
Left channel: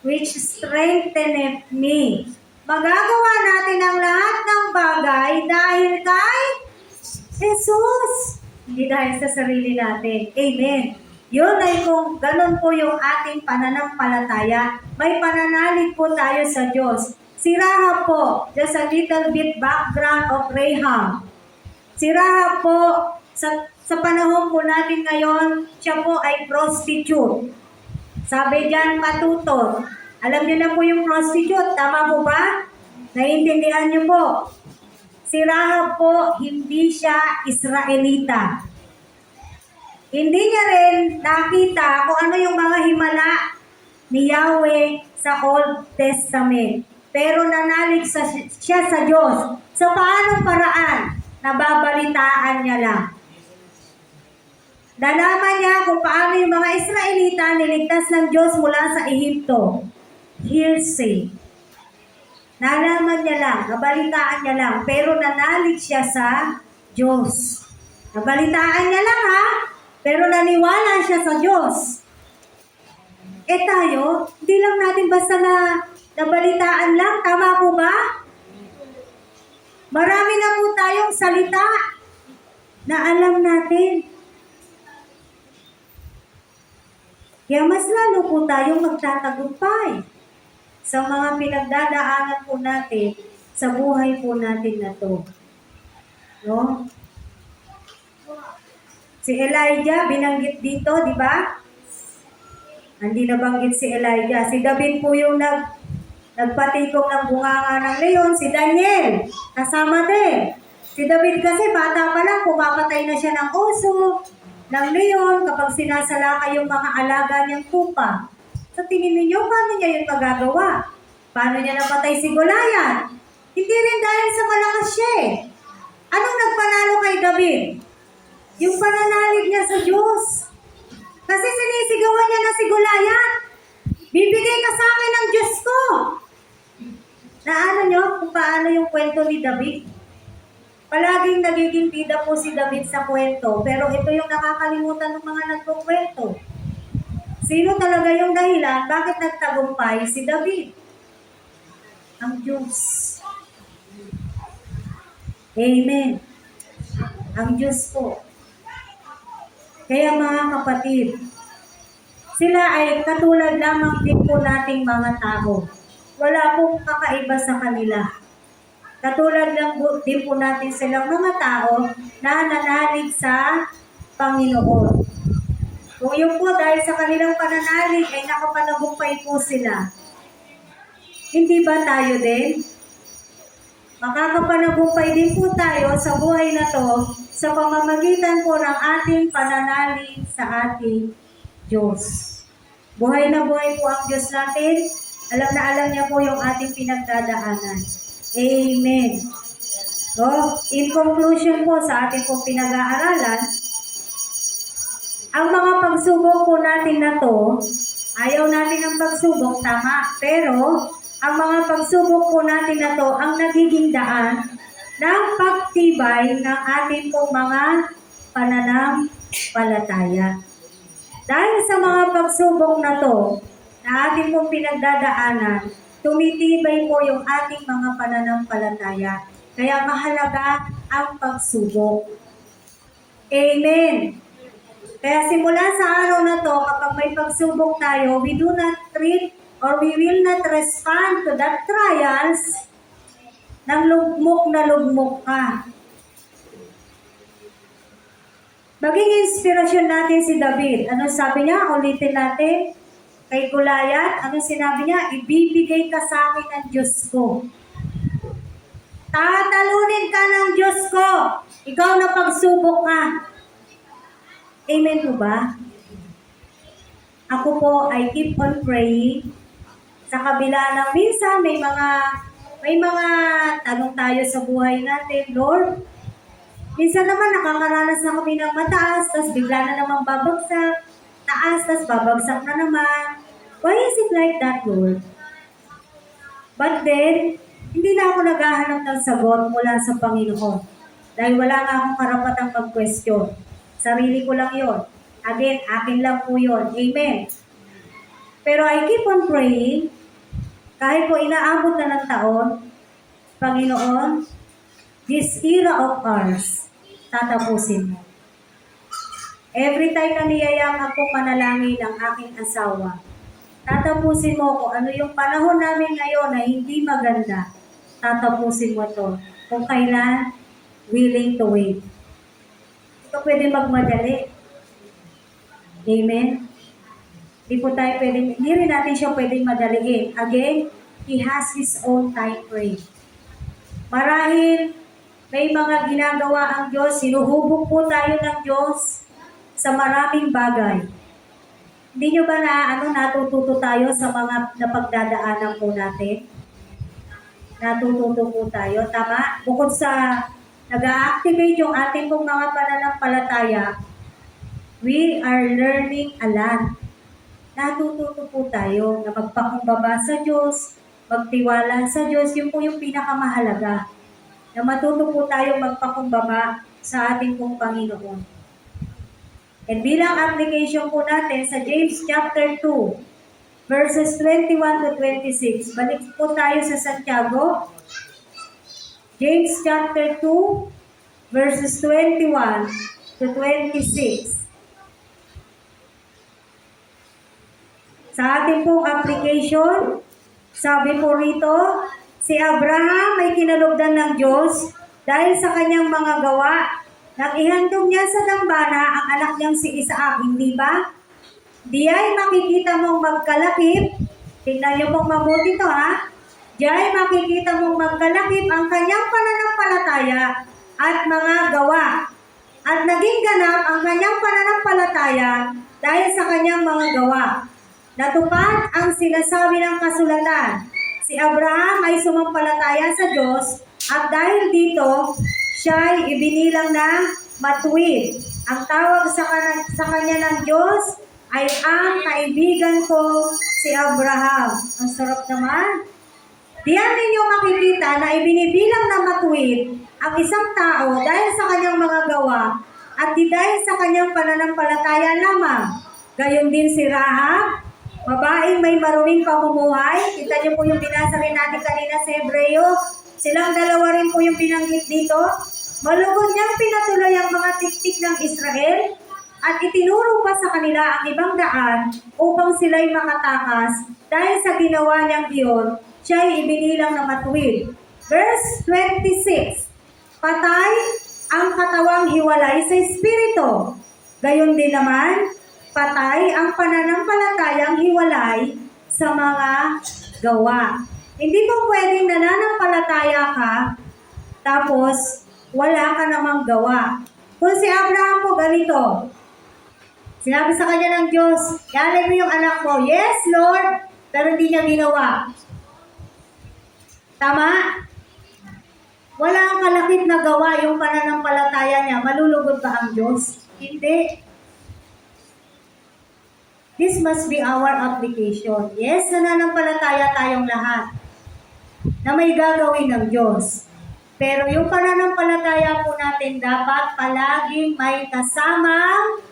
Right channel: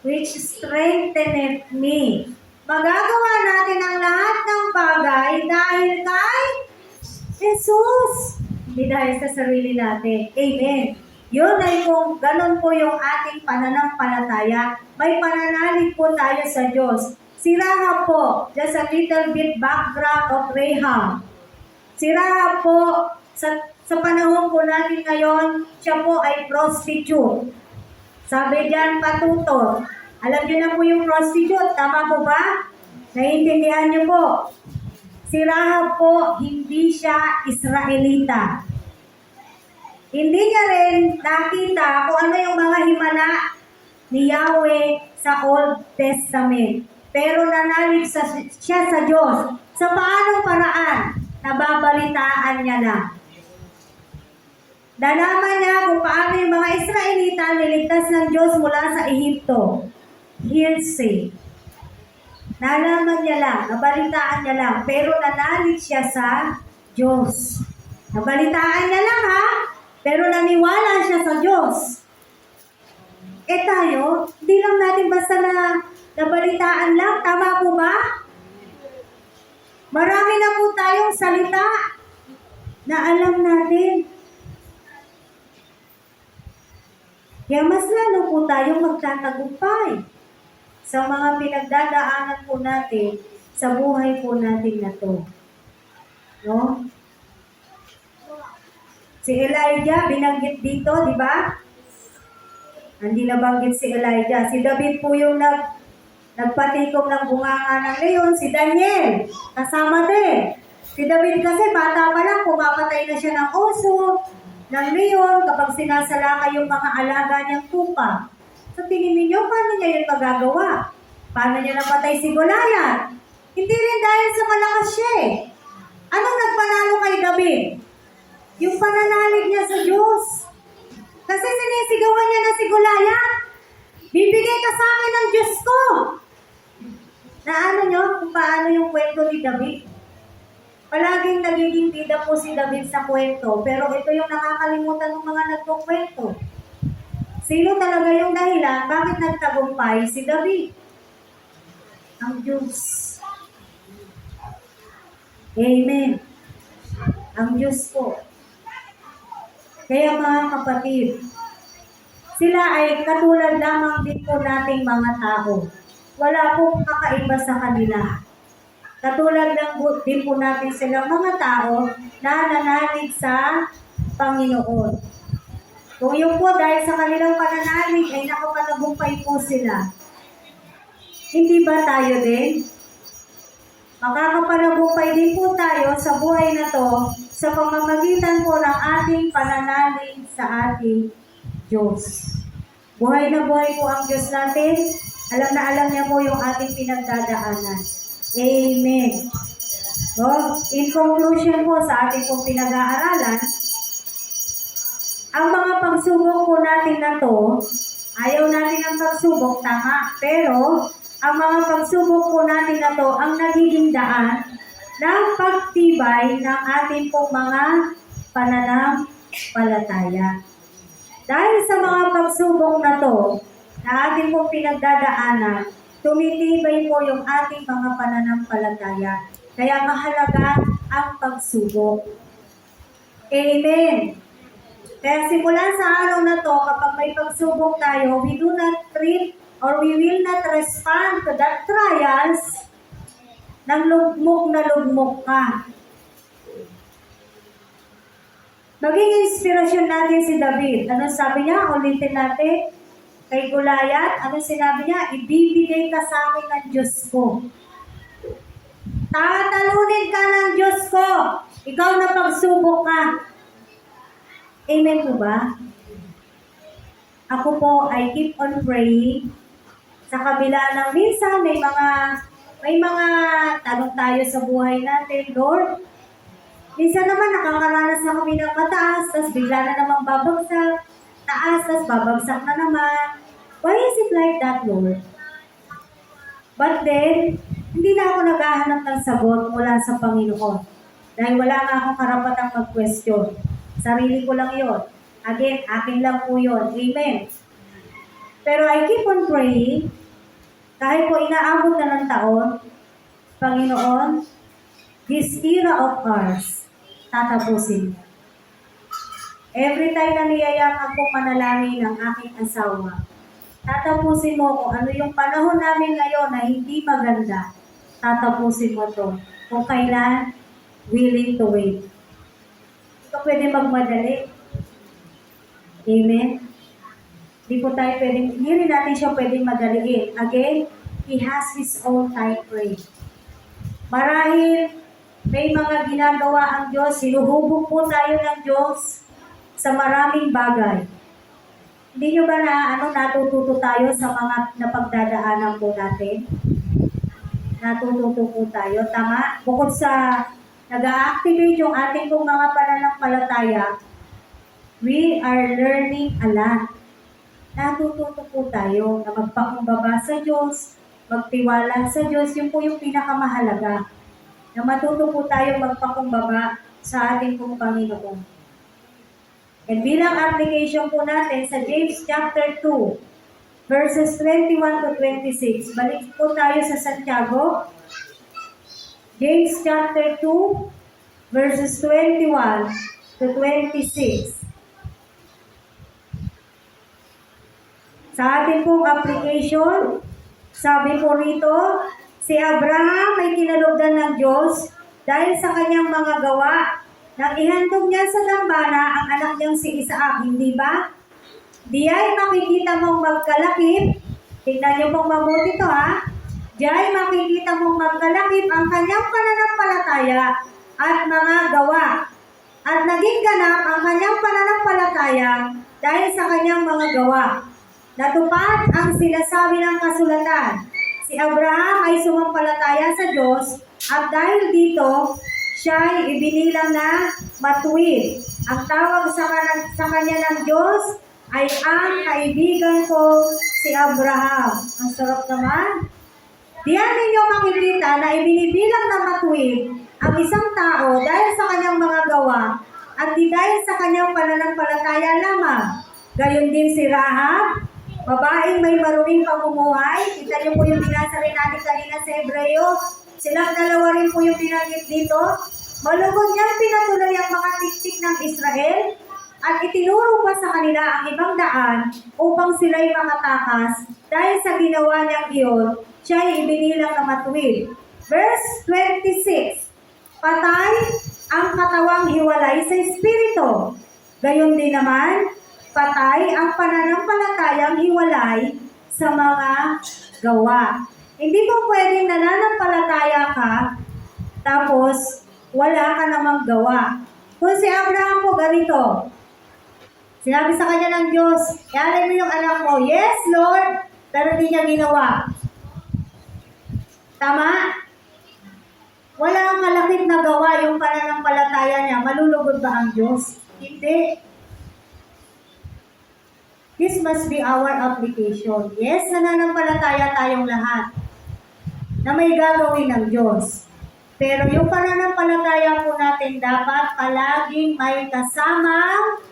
which strengtheneth me. Magagawa natin ang lahat ng bagay dahil kay Jesus. Hindi dahil sa sarili natin. Amen. Yun ay kung ganun po yung ating pananampalataya. May pananalig po tayo sa Diyos. Si Rahab po, just a little bit background of Rahab. Si Rahab po, sa panahon po natin ngayon, siya po ay prostitute. Sabi diyan, patutot. Alam niyo na po yung prostitute, tama po ba? Naiintindihan niyo po. Si Rahab po, hindi siya Israelita. Hindi niya rin nakita kung ano yung mga himala ni Yahweh sa Old Testament. Pero nanalig siya sa Diyos. Sa paanong paraan? Nababalitaan niya lang. Nalaman niya kung paano yung mga Israelita niligtas ng Diyos mula sa Ehipto. Hearsay. Nalaman niya lang, nabalitaan niya lang, pero nanalig siya sa Diyos. Nabalitaan niya lang ha, pero naniwala siya sa Diyos. Tayo, hindi lang natin basta nabalitaan lang, tama po ba? Marami na po tayong salita na alam natin. Kaya mas lalo po tayong magtatagumpay sa mga pinagdadaanan po natin sa buhay po natin na to. No? Si Elijah, binanggit dito, di ba? Hindi nabanggit si Elijah. Si David po yung Nagpatikom ng bunganga ng leon, si Daniel, kasama din. Si David kasi bata pa lang, pumamatay na siya ng oso, ng leon, kapag sinasalakay yung mga alaga niyang pupa. So tingin ninyo, paano niya yung pagagawa? Paano niya napatay si Goliath? Hindi rin dahil sa malakas siya eh. Anong nagpanalo kay David? Yung pananalig niya sa Diyos. Kasi sinisigawan niya na si Goliath. Bibigay ka sa akin ng Diyos ko. Naano nyo kung paano yung kwento ni David? Palaging nagiging bida po si David sa kwento, pero ito yung nakakalimutan ng mga nagkukwento. Sino talaga yung dahilan bakit nagtagumpay si David? Ang Diyos. Amen. Ang Diyos po. Kaya mga kapatid, sila ay katulad lamang din po nating mga tao. Wala pong kakaiba sa kanila. Katulad lang din po natin silang mga tao na nananalig sa Panginoon. Kung yun po dahil sa kanilang pananalig ay nakapanagumpay po sila. Hindi ba tayo din? Makakapanagumpay din po tayo sa buhay na to sa pamamagitan po ng ating pananalig sa ating Diyos. Buhay na buhay po ang Diyos natin. Alam na alam niya po yung ating pinagdadaanan. Amen. So, in conclusion po sa ating pong pinag-aaralan, ang mga pagsubok po natin na to, ayaw natin ang pagsubok, tama. Pero, ang mga pagsubok po natin na to, ang nagiging daan ng pagtibay ng ating pong mga pananampalataya. Dahil sa mga pagsubok na to, na ating pong pinagdadaanan, tumitibay po yung ating mga pananampalataya. Kaya mahalaga ang pagsubok. Amen. Kaya simula sa araw na to, kapag may pagsubok tayo, we do not treat or we will not respond to that trials ng lugmok na lugmok ka. Maging inspirasyon natin si David. Ano sabi niya? Ulitin natin. Kay Goliath, ano sinabi niya? Ibibigay ka sa akin ng Diyos ko. Tatalunin ka ng Diyos ko. Ikaw na pagsubok ka. Amen po ba? Ako po ay keep on praying. Sa kabila ng minsan, may mga tanong tayo sa buhay natin, Lord. Minsan naman nakakaranas na kami ng mataas, tapos bigla na naman babagsak. Taas, tapos babagsak na naman. Why is it like that, Lord? But then, hindi na ako naghahanap ng sagot mula sa Panginoon. Dahil wala nga akong karapatang mag-question. Sarili ko lang yon. Again, akin lang po yun. Amen. Pero I keep on praying. Kahit po inaabot na ng taon, Panginoon, this era of ours, tatapusin mo. Every time na niyayakap ko panalangin ng aking asawa, tatapusin mo kung ano yung panahon namin ngayon na hindi maganda. Tatapusin mo to. Kung kailan, willing to wait. Hindi ka pwede magmadali. Amen? Hindi rin natin siya pwedeng madaliin. Again, He has His own time frame. Marahil, may mga ginagawa ang Diyos. Sinuhubog po tayo ng Diyos sa maraming bagay. Hindi nyo ba natututo tayo sa mga napagdadaanan po natin? Natututo po tayo, tama? Bukod sa nag-a-activate yung ating pong mga pananampalataya, we are learning a lot. Natututo po tayo na magpakumbaba sa Diyos, magtiwala sa Diyos, yun po yung pinakamahalaga. Na matuto po tayo magpakumbaba sa ating pong Panginoon. And bilang application po natin sa James chapter 2, verses 21 to 26. Balik po tayo sa Santiago. James chapter 2, verses 21 to 26. Sa ating pong application, sabi po rito, si Abraham ay kinalugdan ng Diyos dahil sa kanyang mga gawa. Nang ihandog niya sa dambana ang anak niyang si Isaac, hindi ba? Di ay makikita mong magkalakip. Tingnan niyo pong mabuti to, ha? Diyan makikita mong magkalakip ang kanyang pananampalataya at mga gawa. At naging ganap ang kanyang pananampalataya dahil sa kanyang mga gawa. Natupad ang sinasabi ng kasulatan. Si Abraham ay sumampalataya sa Diyos at dahil dito, siya ay ibinilang na matuwid. Ang tawag sa kanya ng Diyos ay ang kaibigan ko si Abraham. Ang sarap naman. Diyan ninyo makikita na ibinibilang na matuwid ang isang tao dahil sa kanyang mga gawa at di dahil sa kanyang pananampalataya lamang. Gayon din si Rahab, babaeng may maruming pamumuhay. Kita niyo po yung binasa rin natin kanina sa Hebreo. Silang dalawa rin po yung binanggit dito. Malugod niyang pinatuloy ang mga tiktik ng Israel at itinuro pa sa kanila ang ibang daan upang sila'y makatakas. Dahil sa ginawa niyang iyon, siya ay ibinilang na matuwid. Verse 26, patay ang katawang hiwalay sa Espiritu. Gayon din naman, patay ang pananampalatayang hiwalay sa mga gawa. Hindi po pwedeng nananampalataya ka, tapos wala ka namang gawa. Kung si Abraham po ganito, sinabi sa kanya ng Diyos, "Ialin mo yung anak mo." Yes, Lord, pero hindi niya ginawa. Tama? Wala ang kalakip na gawa yung pananampalataya niya. Malulugod ba ang Diyos? Hindi. This must be our application. Yes, nananampalataya tayong lahat na may gagawin ng Diyos. Pero yung pananampalataya po natin dapat palaging may kasamang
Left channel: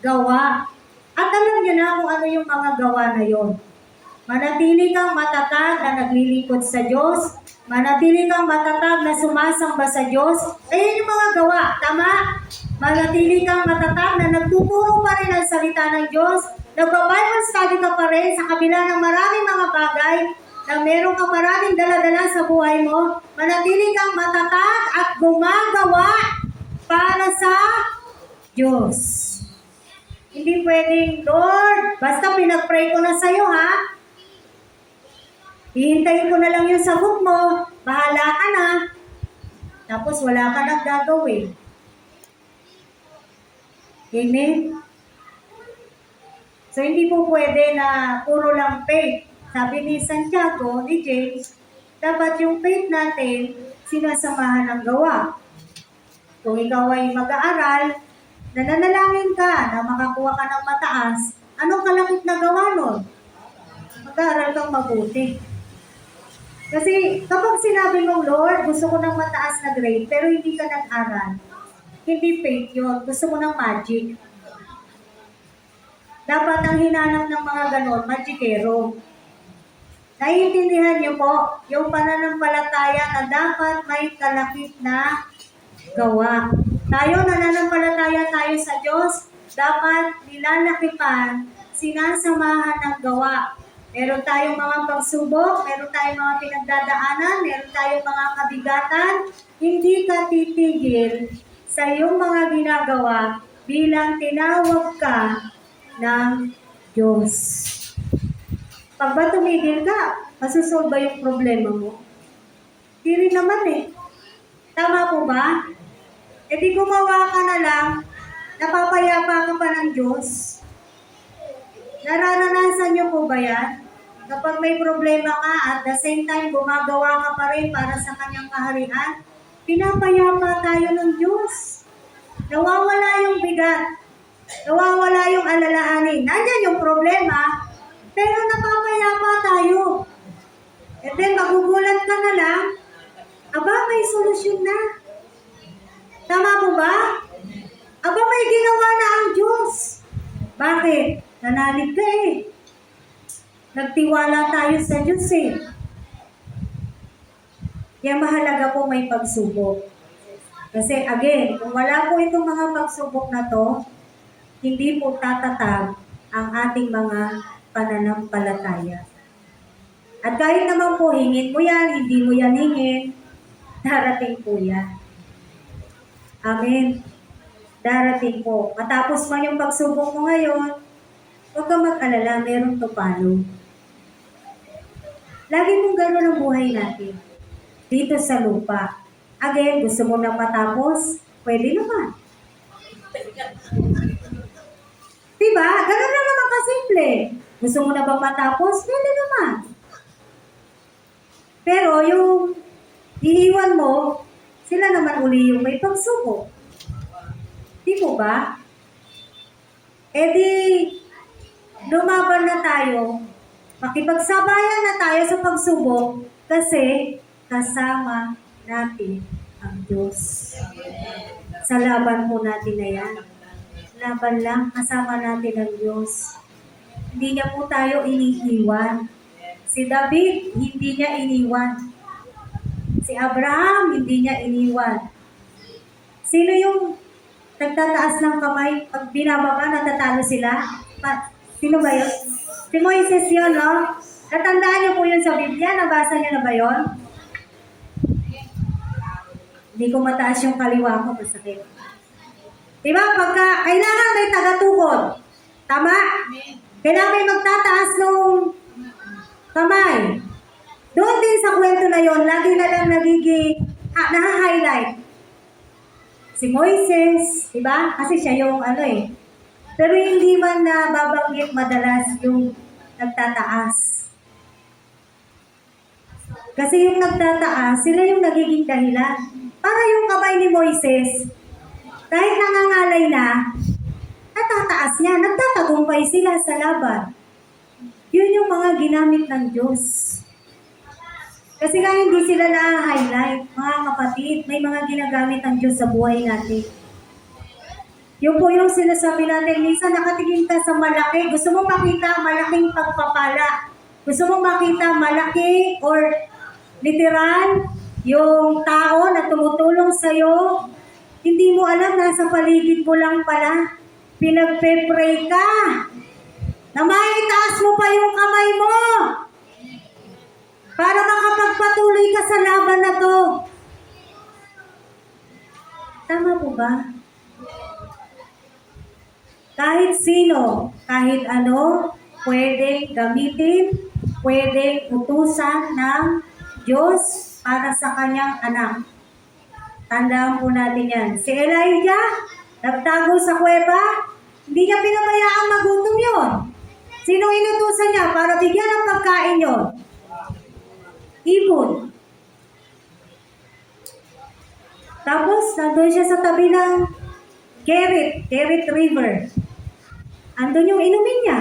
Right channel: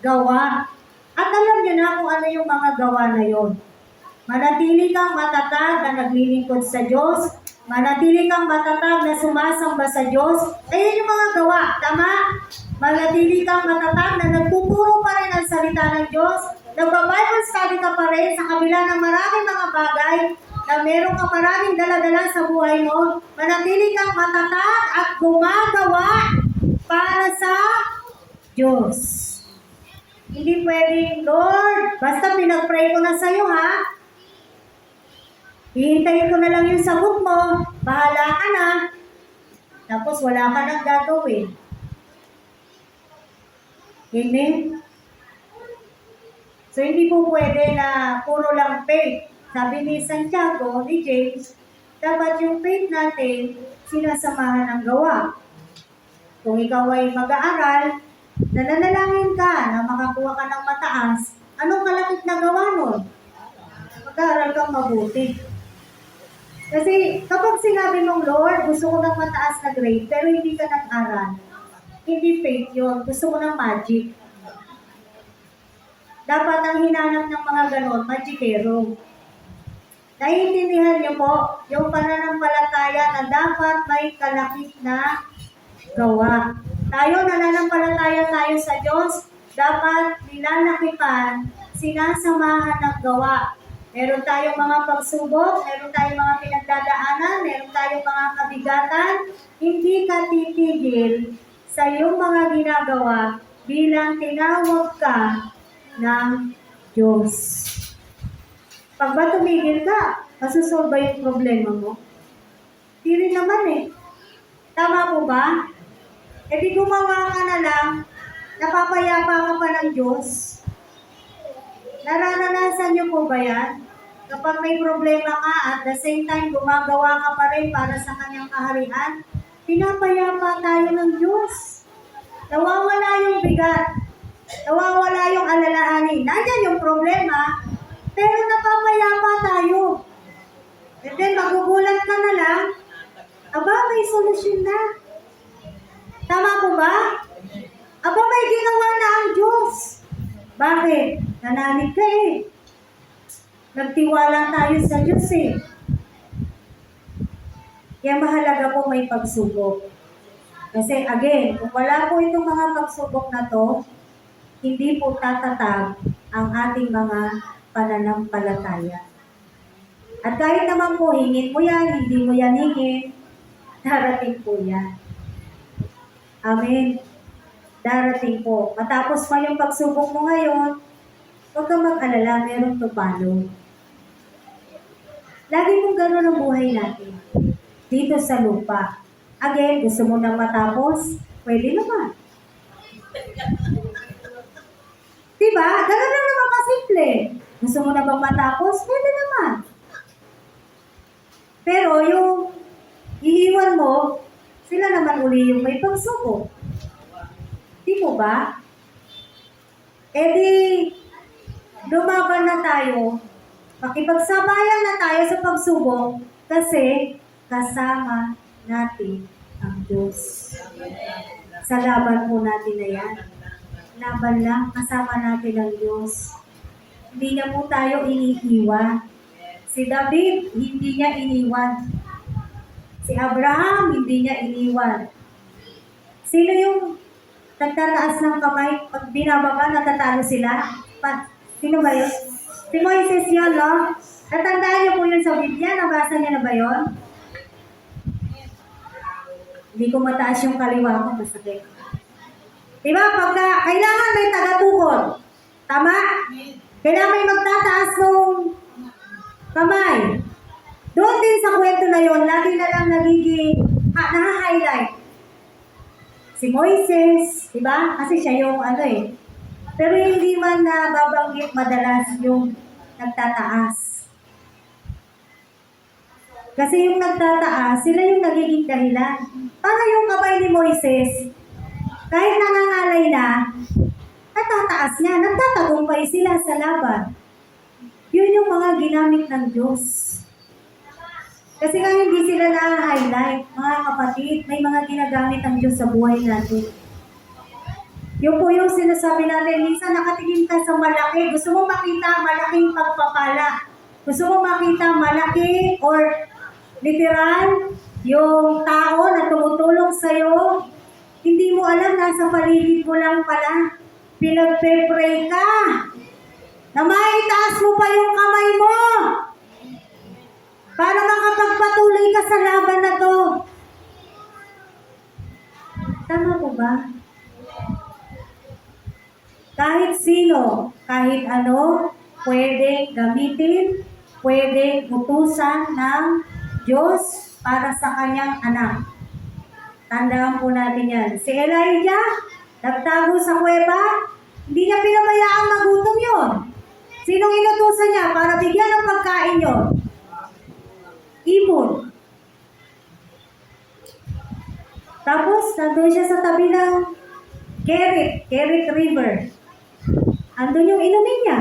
gawa. At alam niyo na kung ano yung mga gawa na yon. Manatili kang matatag na naglilingkod sa Diyos. Manatili kang matatag na sumasamba sa Diyos. Ayun yung mga gawa, tama? Manatili kang matatag na nagtuturo pa rin ang salita ng Diyos. Nagba-Bible study ka pa rin sa kabila ng maraming mga bagay na meron ka maraming dala-dala sa buhay mo. Manatili kang matatag at gumagawa para sa Diyos. Hindi pwedeng, Lord, basta pinag-pray ko na sa'yo, ha? Hihintayin ko na lang yung sagot mo. Bahala ka na. Tapos wala ka nang gagawin. Amen? So, hindi po pwede na puro lang faith. Sabi ni Santiago, ni James, dapat yung faith natin sinasamahan ng gawa. Kung ikaw ay mag-aaral, nananalangin ka na makakuha ka ng mataas, anong kalakip na gawa nun? Mag-aaral kang mabuti. Kasi kapag sinabi mong, Lord, gusto ko ng mataas na grade, pero hindi ka nag-aral, hindi faith yun. Gusto ko ng magic. Dapat ang hinanap ng mga ganon, magikero. Naiintindihan niyo po, yung pananampalataya na dapat may kalakip na gawa. Tayo, nananampalataya tayo sa Diyos, dapat nilalakipan, sinasamahan ng gawa. Meron tayong mga pagsubok, meron tayong mga pinagdadaanan, meron tayong mga kabigatan, hindi ka titigil sa iyong mga ginagawa bilang tinawag ka ng Diyos. Pag ba tumigil ka, masusolve ba yung problema mo? Hindi rin naman eh. Tama po ba? E di gumawa ka na lang, napapayapa ka pa ng Diyos. Nararanasan niyo po ba yan? Kapag may problema ka at the same time gumagawa ka pa rin para sa kanyang kaharian, pinapayapa tayo ng Diyos. Nawawala yung bigat. Nawawala yung alalahanin. Nandiyan yung problema, pero napapayapa tayo. And then magugulat ka na lang, aba, may solusyon na. Tama po ba? Aba, may ginawa na ang Diyos. Bakit? Nanalig ka eh. Nagtiwala tayo sa Diyos eh. Kaya mahalaga po may pagsubok. Kasi again, kung wala po itong mga pagsubok na to, hindi po tatatag ang ating mga pananampalataya. At kahit naman po hingin mo yan, hindi mo yan hingin, darating po yan. Amen. Darating po. Matapos man yung pagsubok mo ngayon, huwag kang mag-alala, meron to follow. Lagi mong gano'n ang buhay natin. Dito sa lupa. Again, gusto mo na matapos? Pwede naman. Diba? Ganun lang naman kasimple. Gusto mo na bang matapos? Pwede naman. Pero yung iiwan mo, sila naman uli yung may pagsubok. Di po ba? E di, lumaban na tayo. Makipagsabayan na tayo sa pagsubok kasi kasama natin ang Diyos. Sa laban po natin na yan. Laban lang, kasama natin ang Diyos. Hindi niya po tayo iniiwan. Si David, hindi niya iniwan. Si Abraham, hindi niya iniwan. Sino yung nagtataas ng kamay? Pag binababa, natatalo sila? Sino ba yun? Si Moises yun, no? Natandaan niyo po yun sa Biblia? Nabasa niyo na ba yun? Hindi ko mataas yung kaliwa ko, masakit. Diba? Pagka kailangan may tagatukod. Tama? Kailangan may magtataas ng kamay. Doon din sa kwento na yon, lagi na lang nagiging, naha-highlight. Si Moises, diba? Kasi siya yung Pero hindi man nababanggit madalas yung nagtataas. Kasi yung nagtataas, sila yung nagiging dahilan. Para yung kamay ni Moises, kahit nangangalay na, natataas niya, nagtatagumpay sila sa laban. Yun yung mga ginamit ng Diyos. Kasi nga hindi sila na-highlight, mga kapatid, may mga ginagamit ng Diyos sa buhay natin. Yung po yung sinasabi natin, minsan nakatingin ka sa malaki, gusto mo makita malaking pagpapala. Gusto mo makita malaki or literal, yung tao na tumutulong sa'yo, hindi mo alam, nasa paligid mo lang pala. Pinagpe-pray ka. Na maitaas mo pa yung kamay mo. Para makapagpatuloy ka sa laban na to. Tama po ba? Kahit sino, kahit ano, pwedeng gamitin, pwedeng utusan ng Diyos para sa kanyang anak. Tandaan po natin yan. Si Elijah, nagtago sa kuweba, hindi niya pinabayaan magutom yun. Sino inutusan niya para bigyan ng pagkain yun? Ibon. Tapos, nandun siya sa tabi ng Kerit River. Andun yung inumin niya.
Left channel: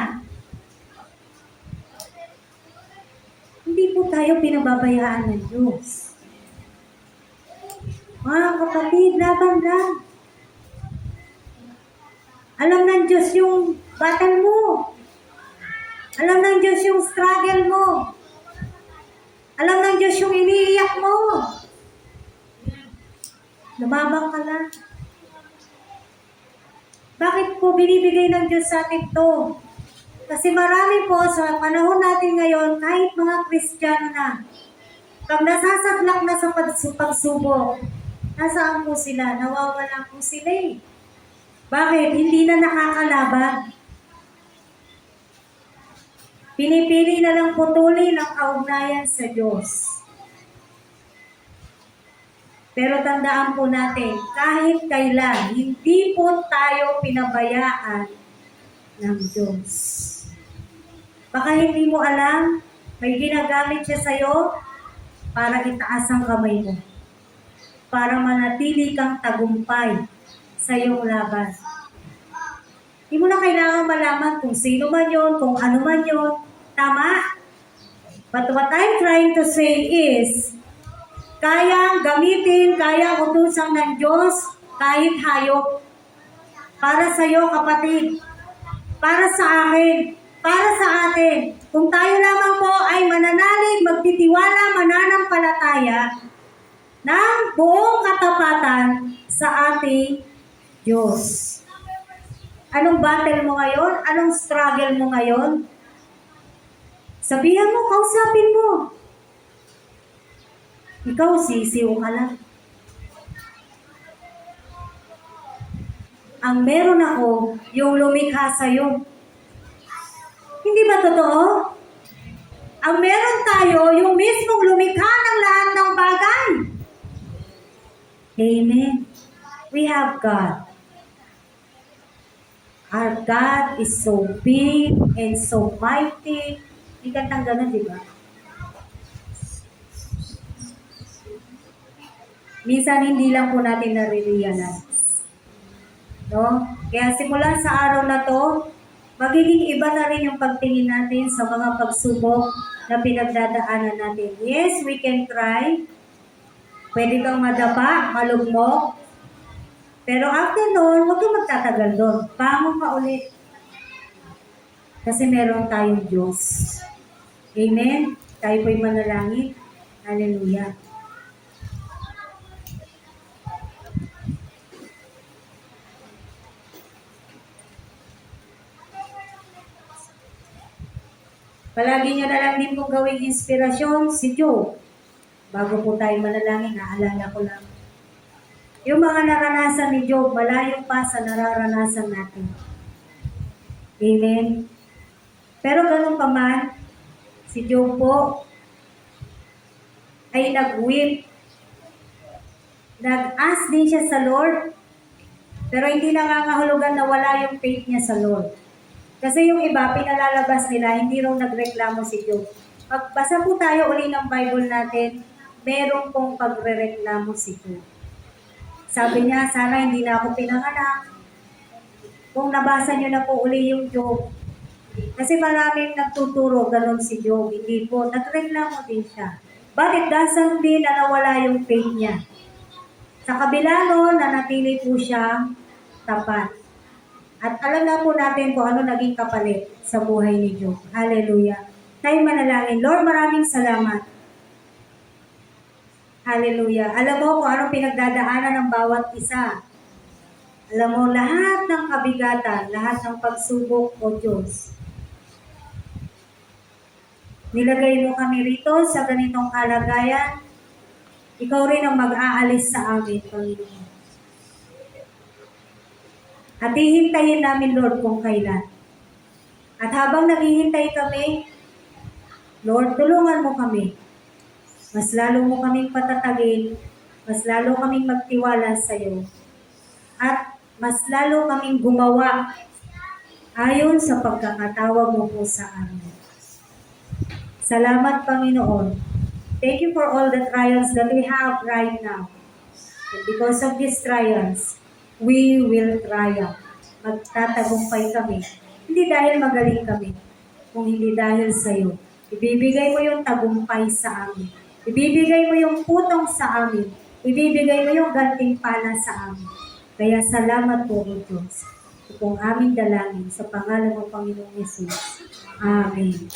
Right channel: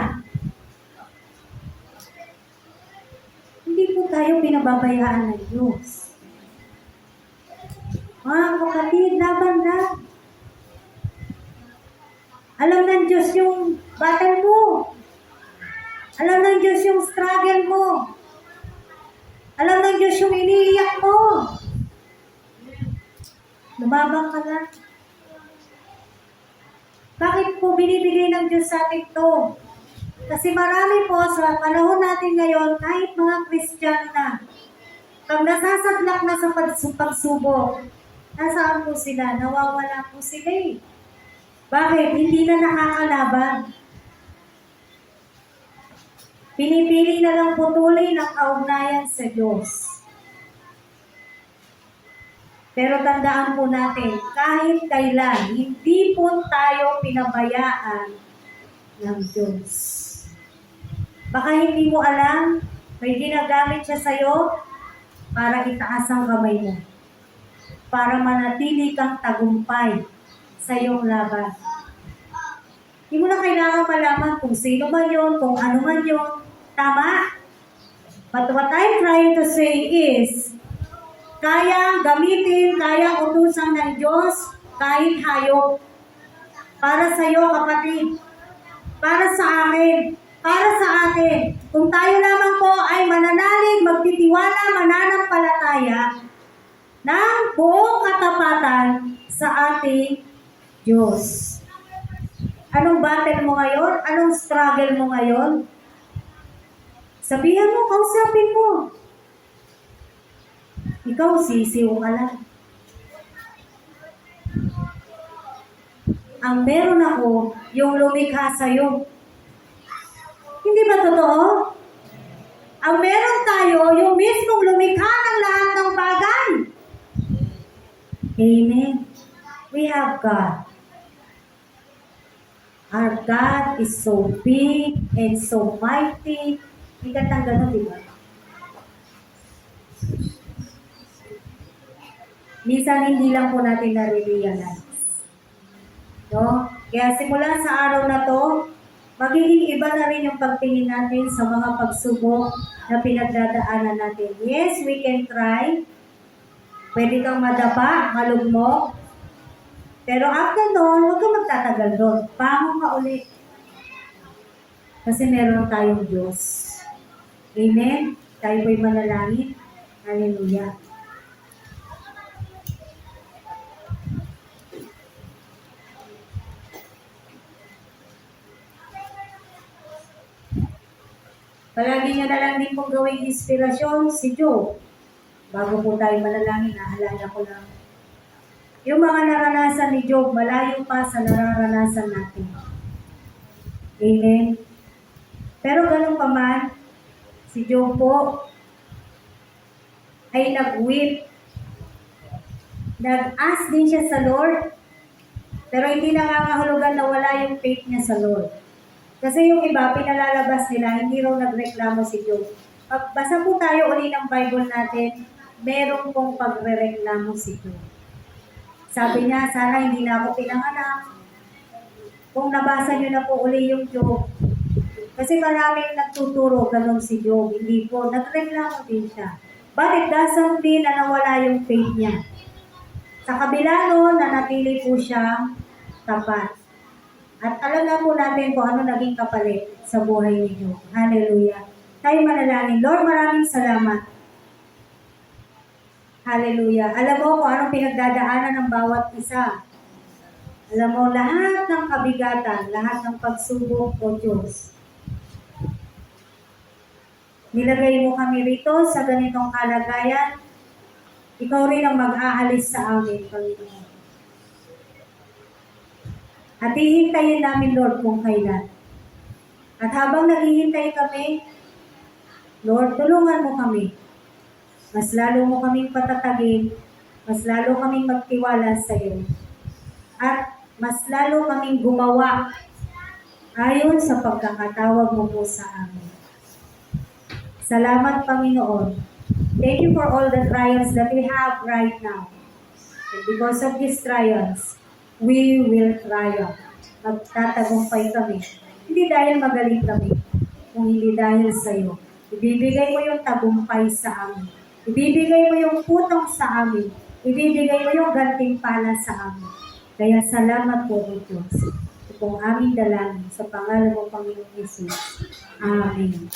Hindi po tayo pinababayaan ng Diyos. Mga kapatid, laban lang. Alam ng Diyos yung battle mo. Alam ng Diyos yung struggle mo. Alam ng Diyos yung iniiyak mo. Lumabang ka lang. Bakit po binibigay ng Diyos sa atin to? Kasi marami po sa panahon natin ngayon, kahit mga Kristiyano na, pag nasasaglak na sa pagsubok, nasaan po sila? Nawawala po sila eh. Bakit? Hindi na nakakalaban. Pinipili na lang putuli ng kaugnayan sa Diyos. Pero tandaan po natin, kahit kailan, hindi po tayo pinabayaan ng Diyos. Baka hindi mo alam, may ginagamit siya sa'yo para itaas ang kamay mo. Para manatili kang tagumpay sa iyong laban. Hindi mo na kailangan malaman kung sino man yun, kung ano man yun. Tama? But what I'm trying to say is, kayang gamitin, kayang utusan ng Diyos kahit hayop. Para sa iyo, kapatid. Para sa akin. Para sa atin. Kung tayo lamang po ay mananalig, magtitiwala, mananampalataya ng buong katapatan sa ating Diyos. Anong battle mo ngayon? Anong struggle mo ngayon? Sabihan mo, kausapin mo. Ikaw, sisiw ka lang. Ang meron ako, yung lumikha sa'yo. Hindi ba totoo? Ang meron tayo, yung mismong lumikha ng lahat ng bagay. Amen. We have God. Our God is so big and so mighty. Hindi ka ganun, di ba? Minsan hindi lang po natin nare-realize. No? Kaya simula sa araw na to, magiging iba na rin yung pagtingin natin sa mga pagsubok na pinagdadaanan natin. Yes, we can cry. Pwede kang madapa, malugmok. Pero after noon, huwag kang magtatagal doon. Bangon ka ulit. Kasi meron tayong Diyos. Amen? Tayo po'y manalangin. Hallelujah. Palagi nyo na lang din pong gawing inspirasyon si Job. Bago po tayo manalangin, naalala ko lang. Yung mga naranasan ni Job, malayo pa sa nararanasan natin. Amen? Pero ganun pa man, si Job po ay nag-weep. Nag-ask din siya sa Lord, pero hindi nakakahulugan na wala yung faith niya sa Lord. Kasi yung iba, pinalalabas nila, hindi raw nagreklamo si Job. Pagbasa po tayo uli ng Bible natin, meron pong pagre-reklamo si Job. Sabi niya, sana hindi na ako pinanganak. Kung nabasa niyo na po uli yung Job. Kasi maraming nagtuturo, ganun si Job. Hindi po, nagreklamo din siya. But it doesn't mean na nawala yung faith niya. Sa kabila nun, nanatili po siya tapat. At alam na po natin kung ano naging kapalit sa buhay ni Job. Hallelujah. Tayo manalangin. Lord, maraming salamat. Hallelujah. Alam mo kung anong pinagdadaanan ng bawat isa. Alam mo, lahat ng kabigatan, lahat ng pagsubok, O Diyos. Nilagay mo kami rito sa ganitong kalagayan. Ikaw rin ang mag-aalis sa amin, Panginoon. At hihintayin namin, Lord, kung kailan. At habang naghihintay kami, Lord, tulungan mo kami. Mas lalo mo kaming patatagin, mas lalo kaming magtiwala sa iyo. At mas lalo kaming gumawa ayon sa pagkakatawag mo po sa amin. Salamat, Panginoon. Thank you for all the trials that we have right now. And because of these trials, we will triumph. Magtatagumpay kami. Hindi dahil magaling kami, kung hindi dahil sa iyo. Ibibigay mo yung tagumpay sa amin. Ibibigay mo yung putong sa amin. Ibibigay mo yung gantimpala sa amin. Kaya salamat po, O Diyos. Ito pong aming dalangin sa pangalan ng Panginoong Yesus. Amen.